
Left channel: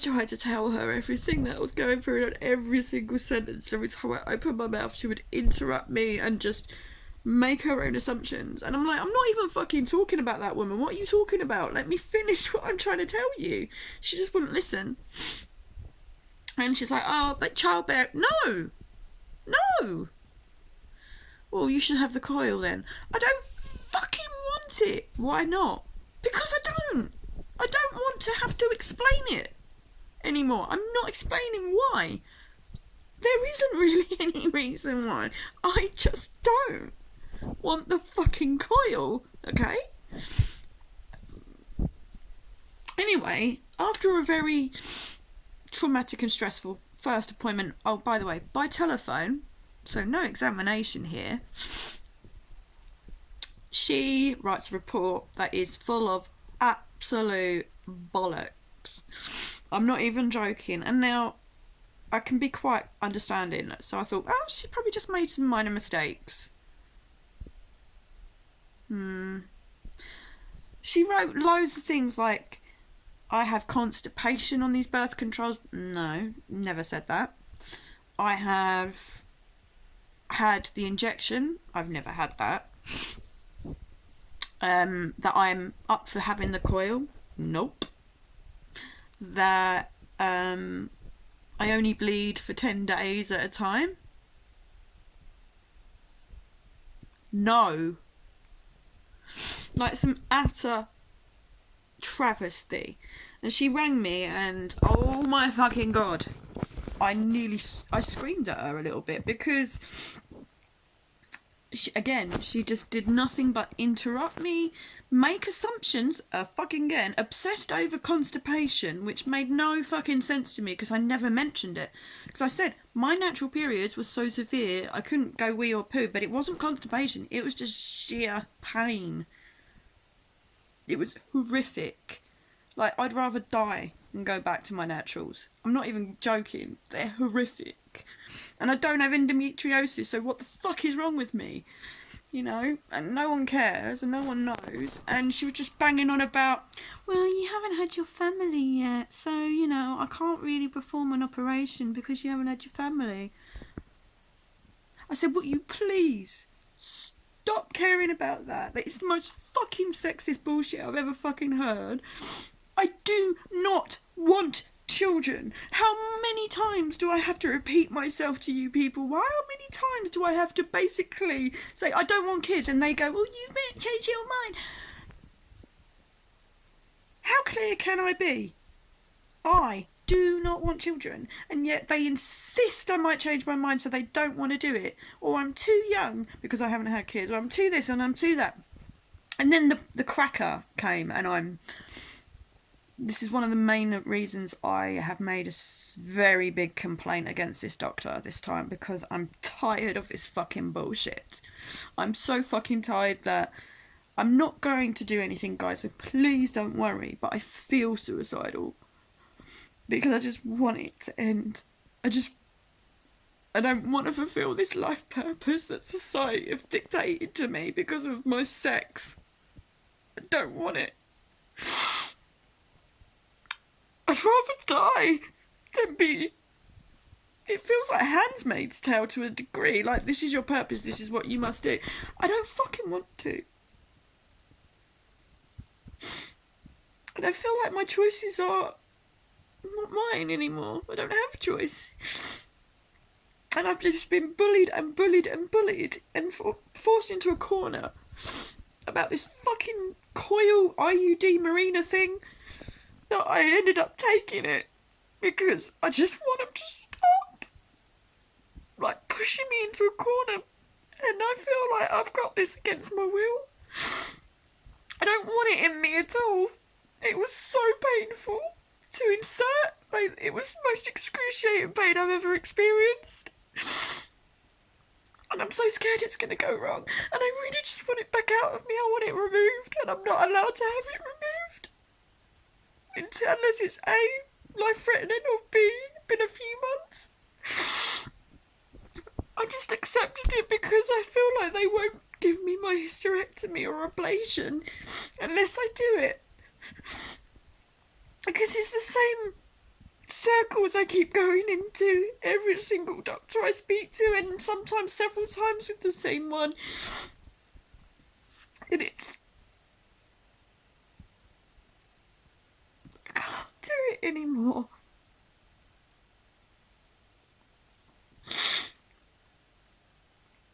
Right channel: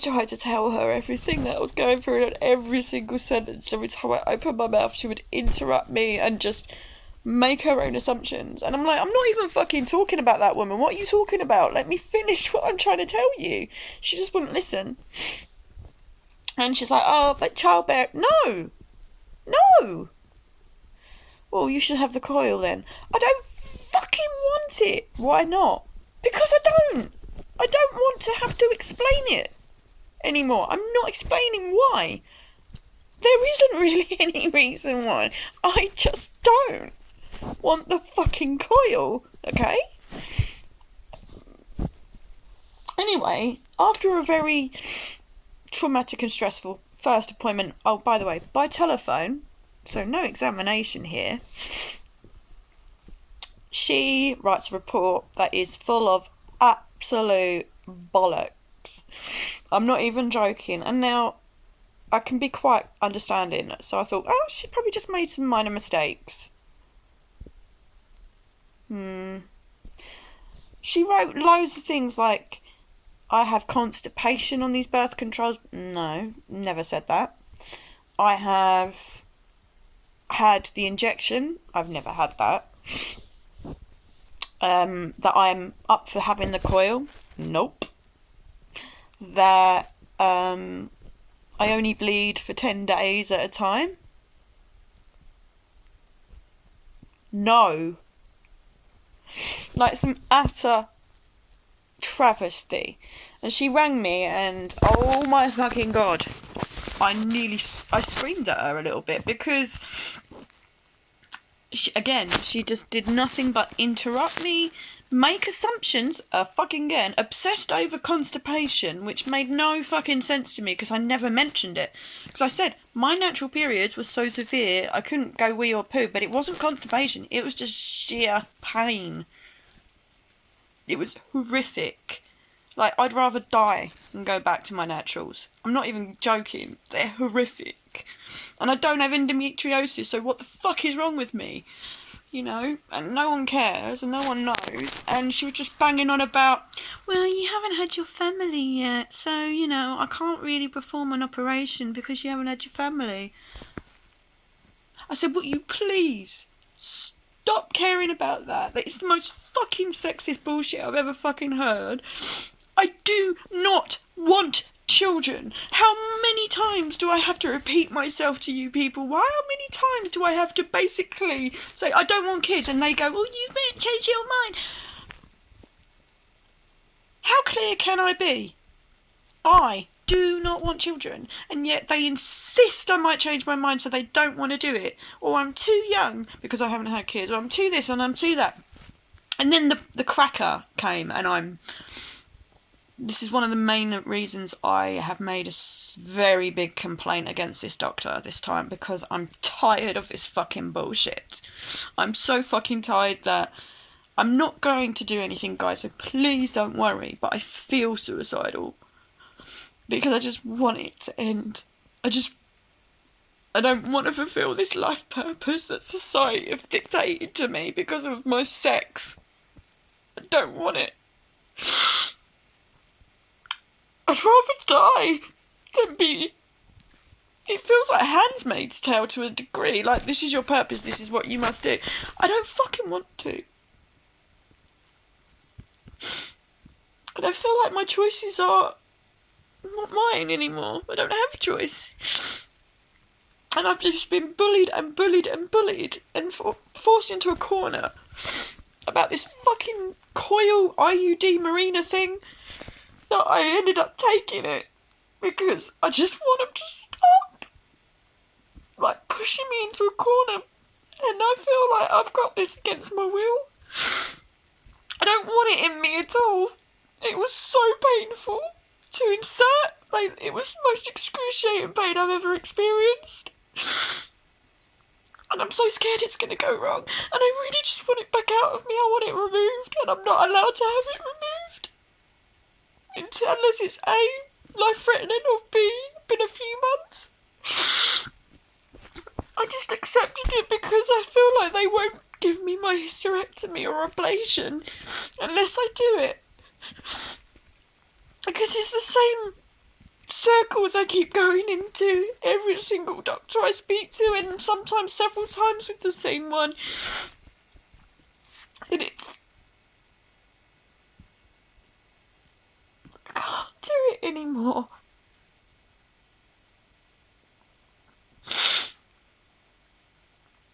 tried to tell her everything that I was going through, and every single sentence, every time I opened my mouth, she would interrupt me and just make her own assumptions. And I'm like, I'm not even fucking talking about that woman. What are you talking about? Let me finish what I'm trying to tell you. She just wouldn't listen. And she's like, oh, but childbearing. No! No! Well, you should have the coil then. I don't fucking want it. Why not? Because I don't. I don't want to have to explain it anymore. I'm not explaining why. There isn't really any reason why. I just don't want the fucking coil, okay? Anyway, after a very traumatic and stressful first appointment, oh, by the way, by telephone, so no examination here, she writes a report that is full of absolute bollocks. I'm not even joking. And now I can be quite understanding. So I thought, oh, she probably just made some minor mistakes. She wrote loads of things like, I have constipation on these birth controls. No, never said that. I have had the injection. I've never had that. That I'm up for having the coil. Nope. That I only bleed for 10 days at a time. No. Like some utter travesty. And she rang me and oh my fucking god, I screamed at her a little bit because she just did nothing but interrupt me, make assumptions, fucking again, obsessed over constipation, which made no fucking sense to me because I never mentioned it. Because I said my natural periods were so severe I couldn't go wee or poo, but it wasn't constipation, it was just sheer pain. It was horrific. Like, I'd rather die than go back to my naturals. I'm not even joking. They're horrific. And I don't have endometriosis, so what the fuck is wrong with me? You know? And no one cares, and no one knows. And she was just banging on about, well, you haven't had your family yet, so, you know, I can't really perform an operation because you haven't had your family. I said, will you please stop caring about that? It's the most fucking sexist bullshit I've ever fucking heard. I do not want children. How many times do I have to repeat myself to you people? How many times do I have to basically say, I don't want kids, and they go, well, you may change your mind. How clear can I be? I do not want children, and yet they insist I might change my mind so they don't want to do it. Or I'm too young because I haven't had kids, or I'm too this and I'm too that. And then the cracker came, and this is one of the main reasons I have made a very big complaint against this doctor this time, because I'm tired of this fucking bullshit. I'm so fucking tired that I'm not going to do anything, guys, so please don't worry, but I feel suicidal because I just want it to end. I don't want to fulfill this life purpose that society have dictated to me because of my sex. I don't want it. I'd rather die than be... It feels like Handmaid's Tale to a degree. Like, this is your purpose, this is what you must do. I don't fucking want to. And I feel like my choices are not mine anymore. I don't have a choice. And I've just been bullied and bullied and bullied and forced into a corner about this fucking coil IUD Marina thing. That I ended up taking it because I just want them to stop, like, pushing me into a corner, and I feel like I've got this against my will. I don't want it in me at all. It was so painful to insert. Like, it was the most excruciating pain I've ever experienced. And I'm so scared it's going to go wrong, and I really just want it back out of me. I want it removed, and I'm not allowed to have it removed. Unless it's A, life-threatening, or B, been a few months. I just accepted it because I feel like they won't give me my hysterectomy or ablation unless I do it. Because it's the same circles I keep going into, every single doctor I speak to, and sometimes several times with the same one. And I can't do it anymore.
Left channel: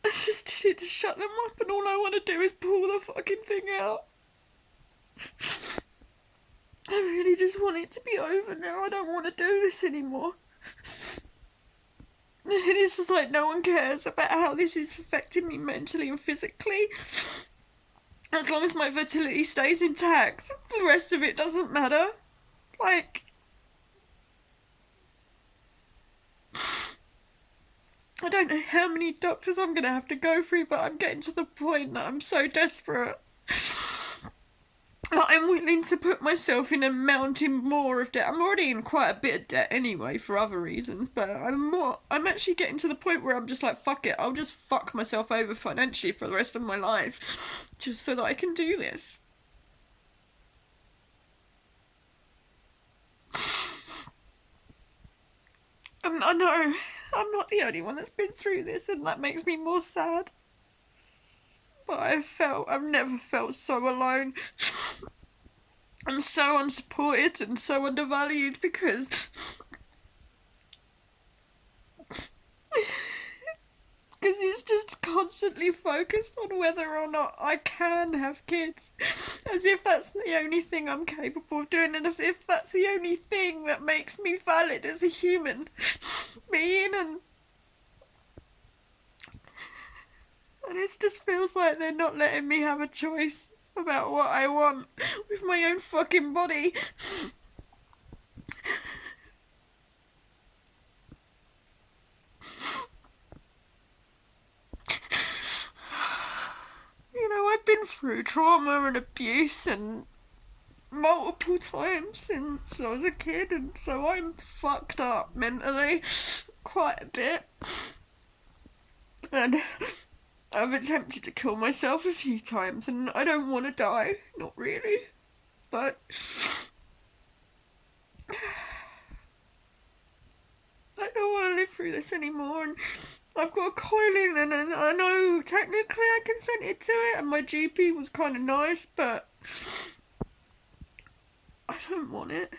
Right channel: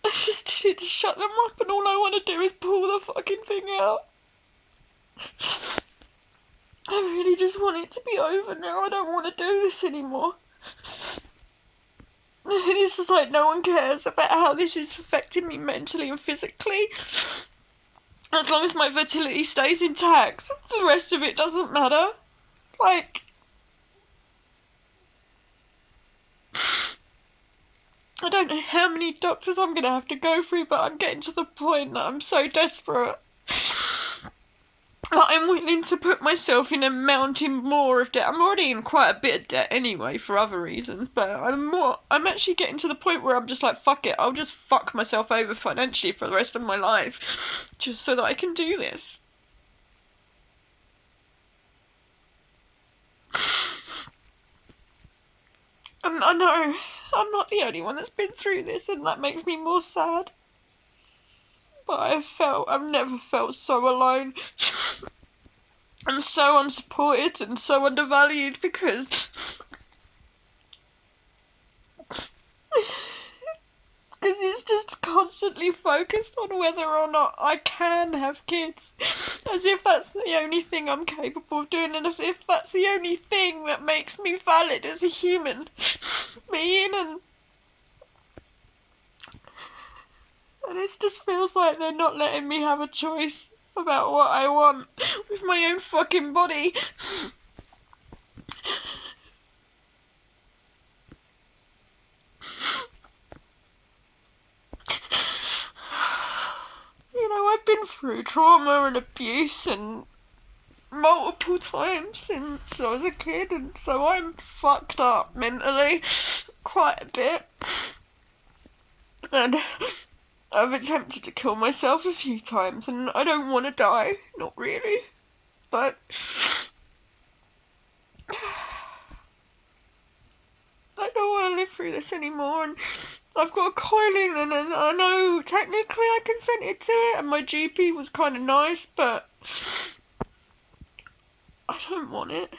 I just needed to shut them up, and all I want to do is pull the fucking thing out. I really just want it to be over now. I don't want to do this anymore. And it's just like no one cares about how this is affecting me mentally and physically. As long as my fertility stays intact, the rest of it doesn't matter. Like, I don't know how many doctors I'm going to have to go through, but I'm getting to the point that I'm so desperate that I'm willing to put myself in a mountain more of debt. I'm already in quite a bit of debt anyway for other reasons, but I'm actually getting to the point where I'm just like, fuck it, I'll just fuck myself over financially for the rest of my life just so that I can do this. And I know I'm not the only one that's been through this, and that makes me more sad. But I've never felt so alone. I'm so unsupported and so undervalued because it's just constantly focused on whether or not I can have kids, as if that's the only thing I'm capable of doing, and if that's the only thing that makes me valid as a human being, and it just feels like they're not letting me have a choice about what I want with my own fucking body. You know, I've been through trauma and abuse and multiple times since I was a kid, and so I'm fucked up mentally quite a bit. And I've attempted to kill myself a few times, and I don't want to die, not really, but I don't want to live through this anymore, and I've got a coil in, and I know technically I consented to it, and my GP was kind of nice, but I don't want it.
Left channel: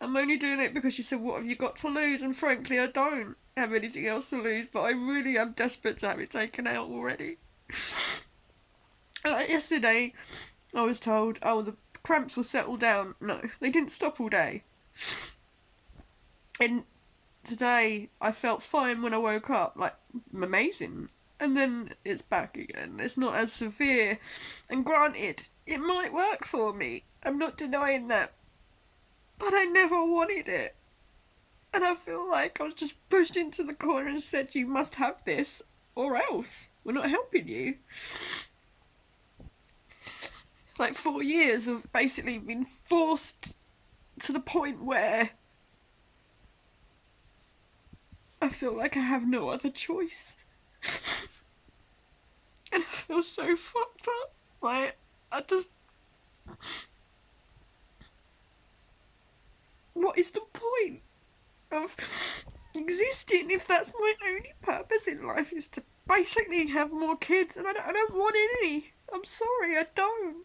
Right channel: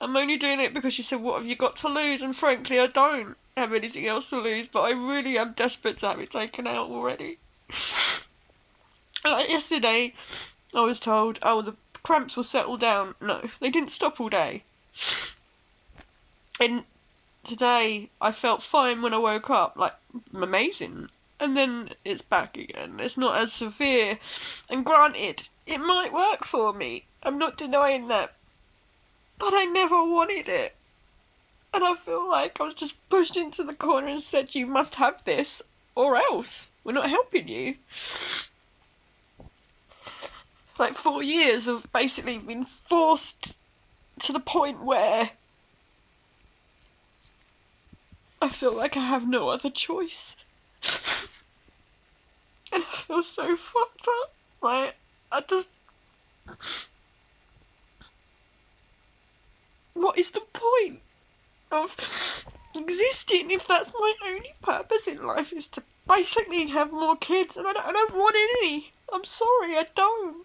I'm only doing it because she said, what have you got to lose? And frankly, I don't have anything else to lose, but I really am desperate to have it taken out already. Like yesterday, I was told, oh, the cramps will settle down. No, they didn't stop all day. And today, I felt fine when I woke up, like, amazing. And then it's back again. It's not as severe. And granted, it might work for me. I'm not denying that. But I never wanted it. And I feel like I was just pushed into the corner and said, you must have this, or else we're not helping you. Like 4 years of basically being forced to the point where I feel like I have no other choice. And I feel so fucked up. Like, what is the point of existing if that's my only purpose in life, is to basically have more kids? And I don't want any. I'm sorry, I don't.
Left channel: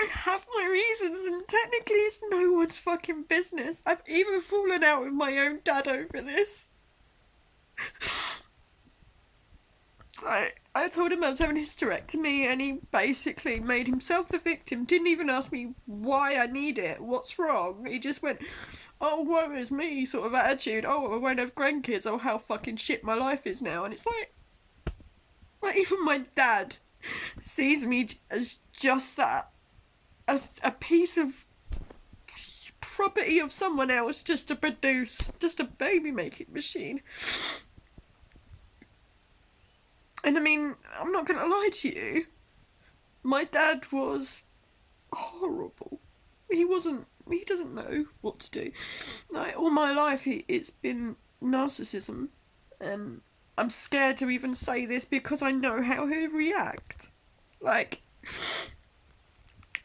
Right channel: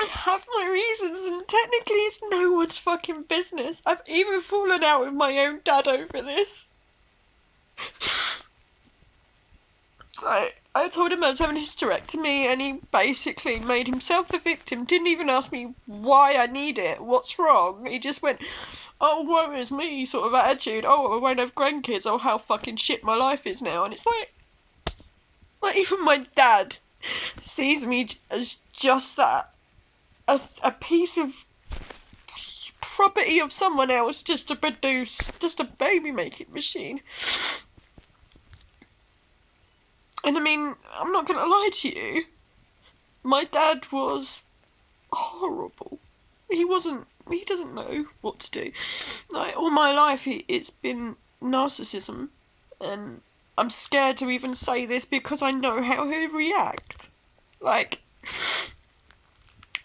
I have my reasons, and technically it's no one's fucking business. I've even fallen out with my own dad over this. I told him I was having a hysterectomy, and he basically made himself the victim. Didn't even ask me why I need it, what's wrong. He just went, oh, woe is me, sort of attitude. Oh, I won't have grandkids. Oh, how fucking shit my life is now. And it's like even my dad sees me as just that. A piece of property of someone else just to produce, just a baby making machine. And I mean, I'm not going to lie to you. My dad was horrible. He doesn't know what to do. Like, all my life, it's been narcissism. And I'm scared to even say this because I know how he'd react. Like,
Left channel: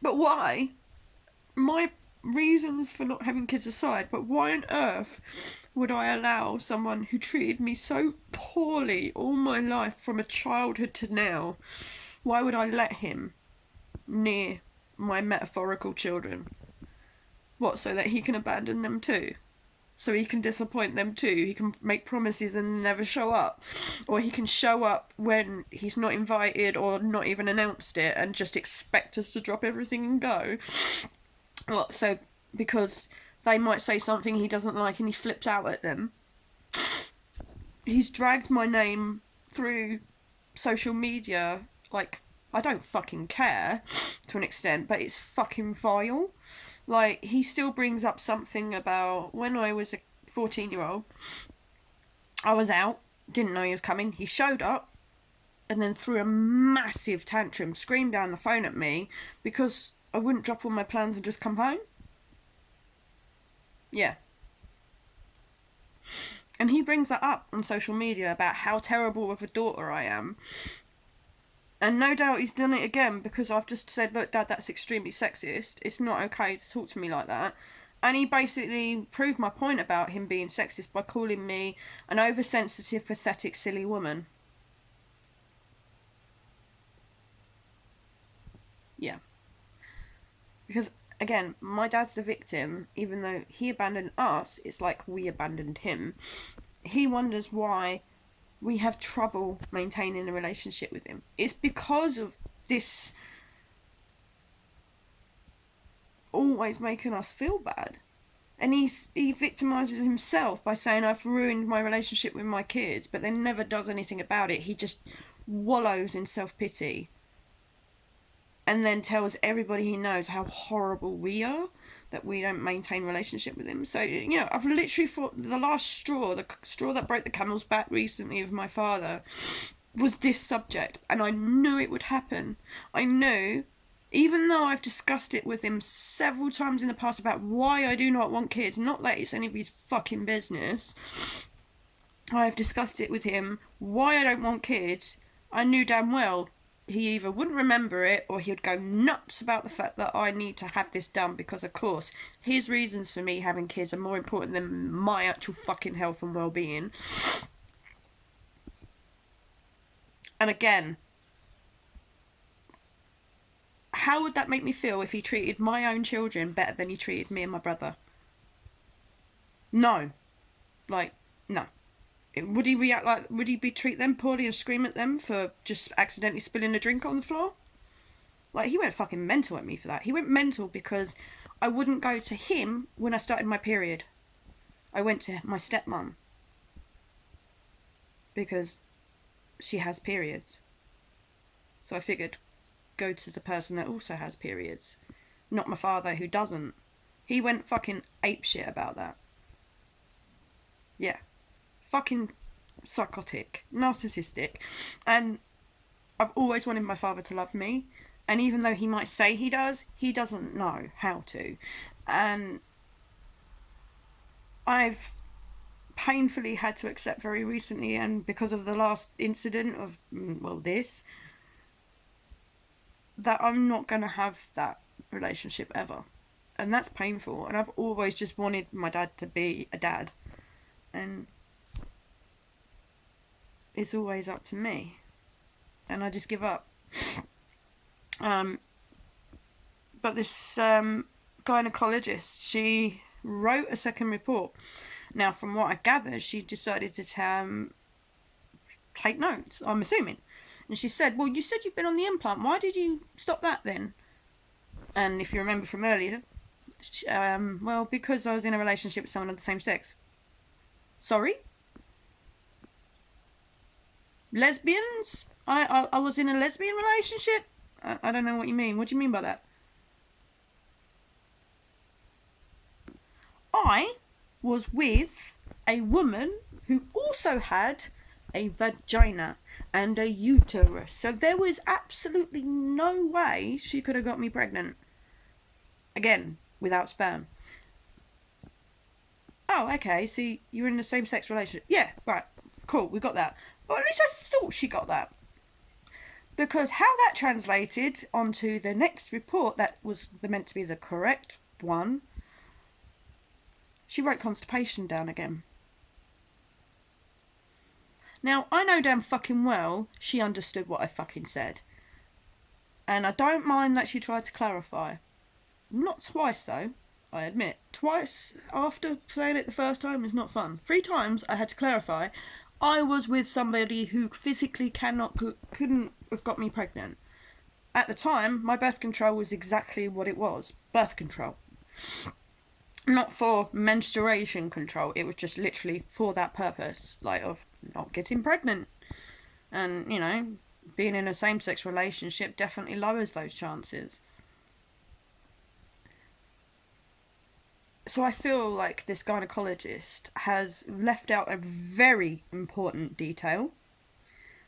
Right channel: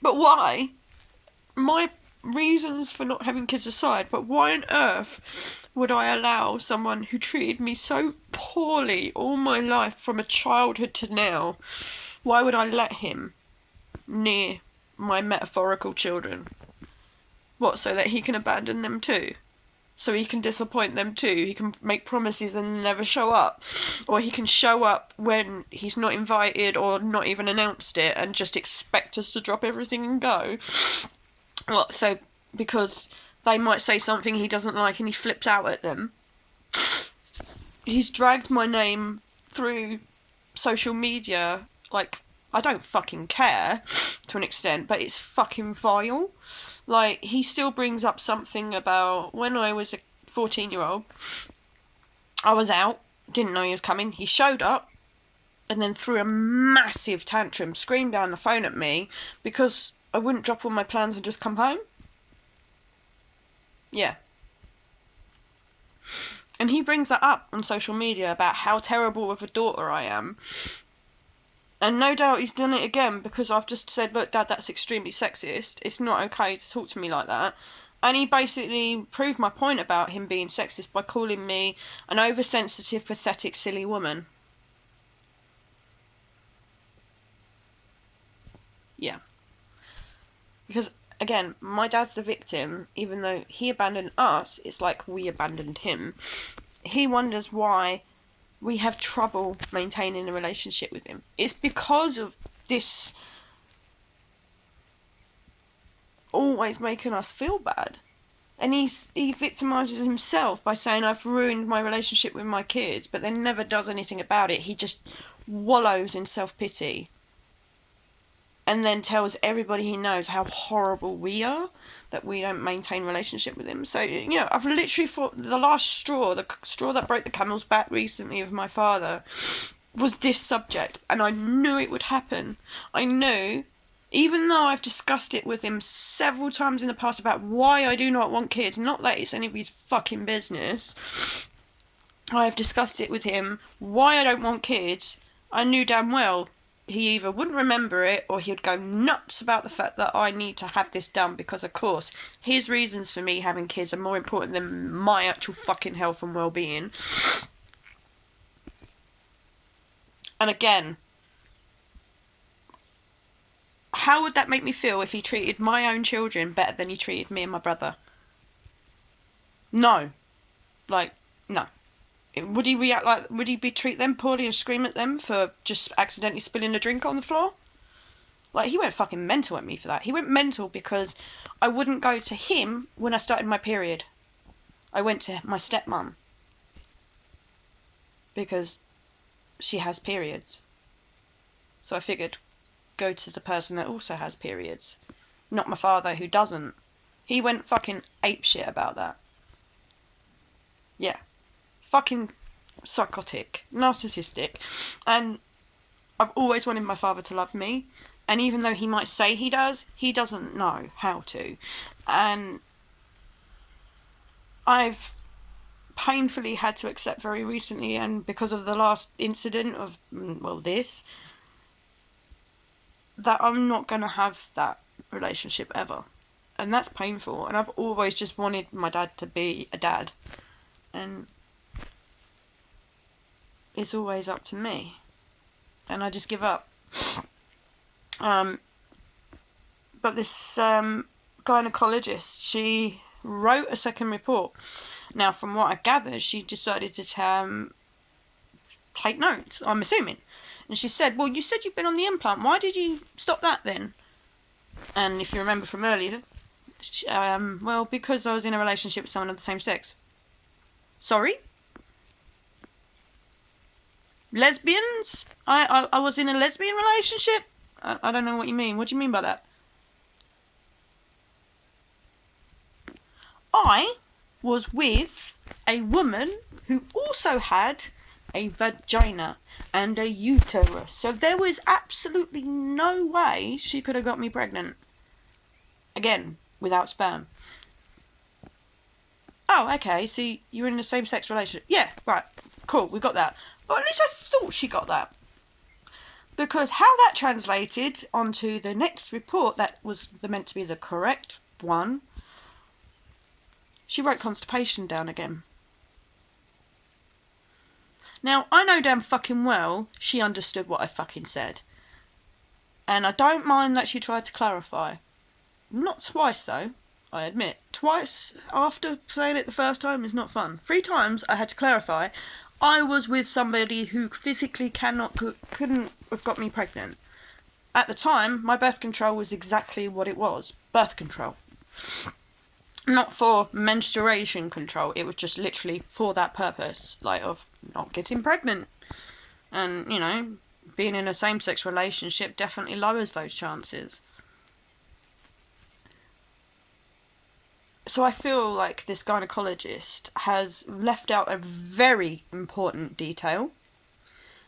but why? My reasons for not having kids aside, but why on earth would I allow someone who treated me so poorly all my life from a childhood to now, why would I let him near my metaphorical children? What, so that he can abandon them too? so he can disappoint them too. He can make promises and never show up. Or he can show up when he's not invited or not even announced it and just expect us to drop everything and go. Well, so because they might say something he doesn't like and he flips out at them. He's dragged my name through social media. Like, I don't fucking care to an extent, but it's fucking vile. Like, he still brings up something about when I was a 14-year-old. I was out, didn't know he was coming. He showed up and then threw a massive tantrum, screamed down the phone at me because I wouldn't drop all my plans and just come home. Yeah. And he brings that up on social media about how terrible of a daughter I am. And no doubt he's done it again because I've just said, look, Dad, that's extremely sexist. It's not okay to talk to me like that. And he basically proved my point about him being sexist by calling me an oversensitive, pathetic, silly woman. Yeah. Because, again, my dad's the victim. Even though he abandoned us, it's like we abandoned him. He wonders why we have trouble maintaining a relationship with him. It's because of this always making us feel bad. And he victimises himself by saying I've ruined my relationship with my kids, but then never does anything about it. He just wallows in self-pity and then tells everybody he knows how horrible we are, that we don't maintain relationship with him. So, I've literally thought the last straw, the straw that broke the camel's back recently of my father, was this subject. And I knew it would happen. I knew, even though I've discussed it with him several times in the past about why I do not want kids, not that it's any of his fucking business, I've discussed it with him, why I don't want kids. I knew damn well he either wouldn't remember it or he'd go nuts about the fact that I need to have this done because, of course, his reasons for me having kids are more important than my actual fucking health and well-being. And again, how would that make me feel if he treated my own children better than he treated me and my brother? No. No. Would he react like, would he treat them poorly and scream at them for just accidentally spilling a drink on the floor? Like, he went fucking mental at me for that. He went mental because I wouldn't go to him when I started my period. I went to my stepmom because she has periods. So I figured, go to the person that also has periods, not my father who doesn't. He went fucking apeshit about that. Yeah. Fucking psychotic, narcissistic. And I've always wanted my father to love me, and even though he might say he does, he doesn't know how to. And I've painfully had to accept very recently, and because of the last incident of, this, that I'm not going to have that relationship ever. And that's painful. And I've always just wanted my dad to be a dad. And it's always up to me. And I just give up. But this gynaecologist, she wrote a second report. Now, from what I gather, she decided to take notes, I'm assuming. And she said, well, you said you've been on the implant. Why did you stop that then? And if you remember from earlier, because I was in a relationship with someone of the same sex. Sorry? Lesbians? I was in a lesbian relationship? I don't know what you mean. What do you mean by that? I was with a woman who also had a vagina and a uterus. So there was absolutely no way she could have got me pregnant. Again, without sperm. Oh, okay, so you're in a same-sex relationship. Yeah, right, cool, we got that. Or at least I thought she got that. Because how that translated onto the next report that was meant to be the correct one, she wrote constipation down again. Now, I know damn fucking well she understood what I fucking said. And I don't mind that she tried to clarify. Not twice, though. I admit. Twice after saying it the first time is not fun. 3 times I had to clarify I was with somebody who physically couldn't have got me pregnant. At the time, my birth control was exactly what it was. Birth control. Not for menstruation control. It was just literally for that purpose. Like, of not getting pregnant. And, you know, being in a same-sex relationship definitely lowers those chances. So I feel like this gynaecologist has left out a very important detail.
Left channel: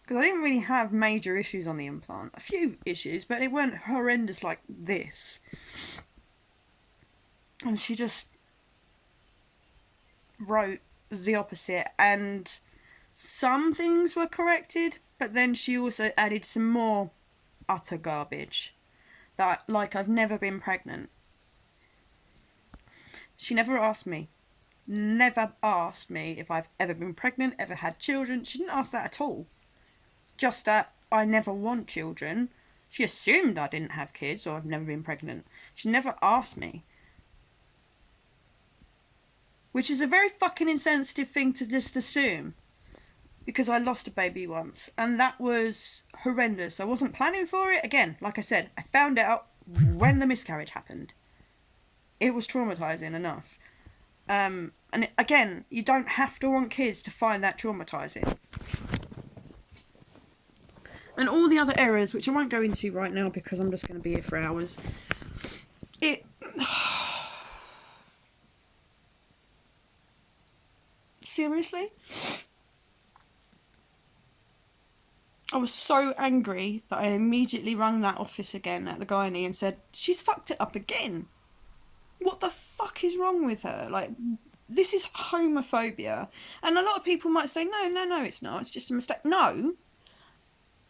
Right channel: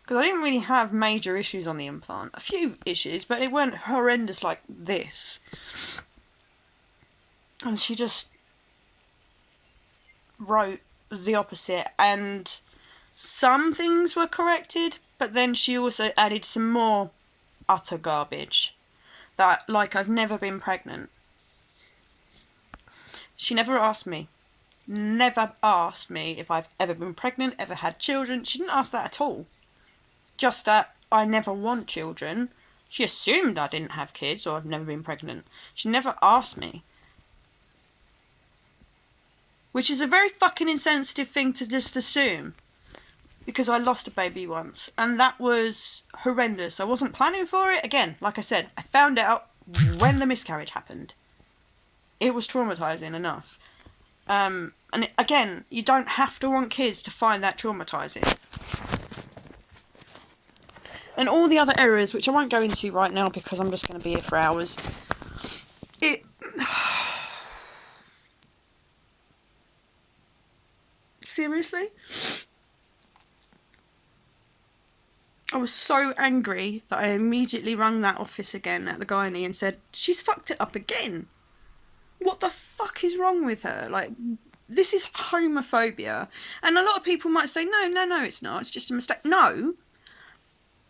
Because I didn't really have major issues on the implant. A few issues, but it weren't horrendous like this. And she just wrote the opposite. And some things were corrected, but then she also added some more utter garbage. That, like, I've never been pregnant. She never asked me if I've ever been pregnant, ever had children. She didn't ask that at all. Just that I never want children. She assumed I didn't have kids or I've never been pregnant. She never asked me. Which is a very fucking insensitive thing to just assume. Because I lost a baby once. And that was horrendous. I wasn't planning for it. Again, like I said, I found out when the miscarriage happened. It was traumatising enough. And again, you don't have to want kids to find that traumatising. And all the other errors, which I won't go into right now because I'm just going to be here for hours. Seriously? I was so angry that I immediately rang that office again at the gynae and said, she's fucked it up again. What the fuck is wrong with her? Like, this is homophobia. And a lot of people might say, no, it's not. It's just a mistake. No,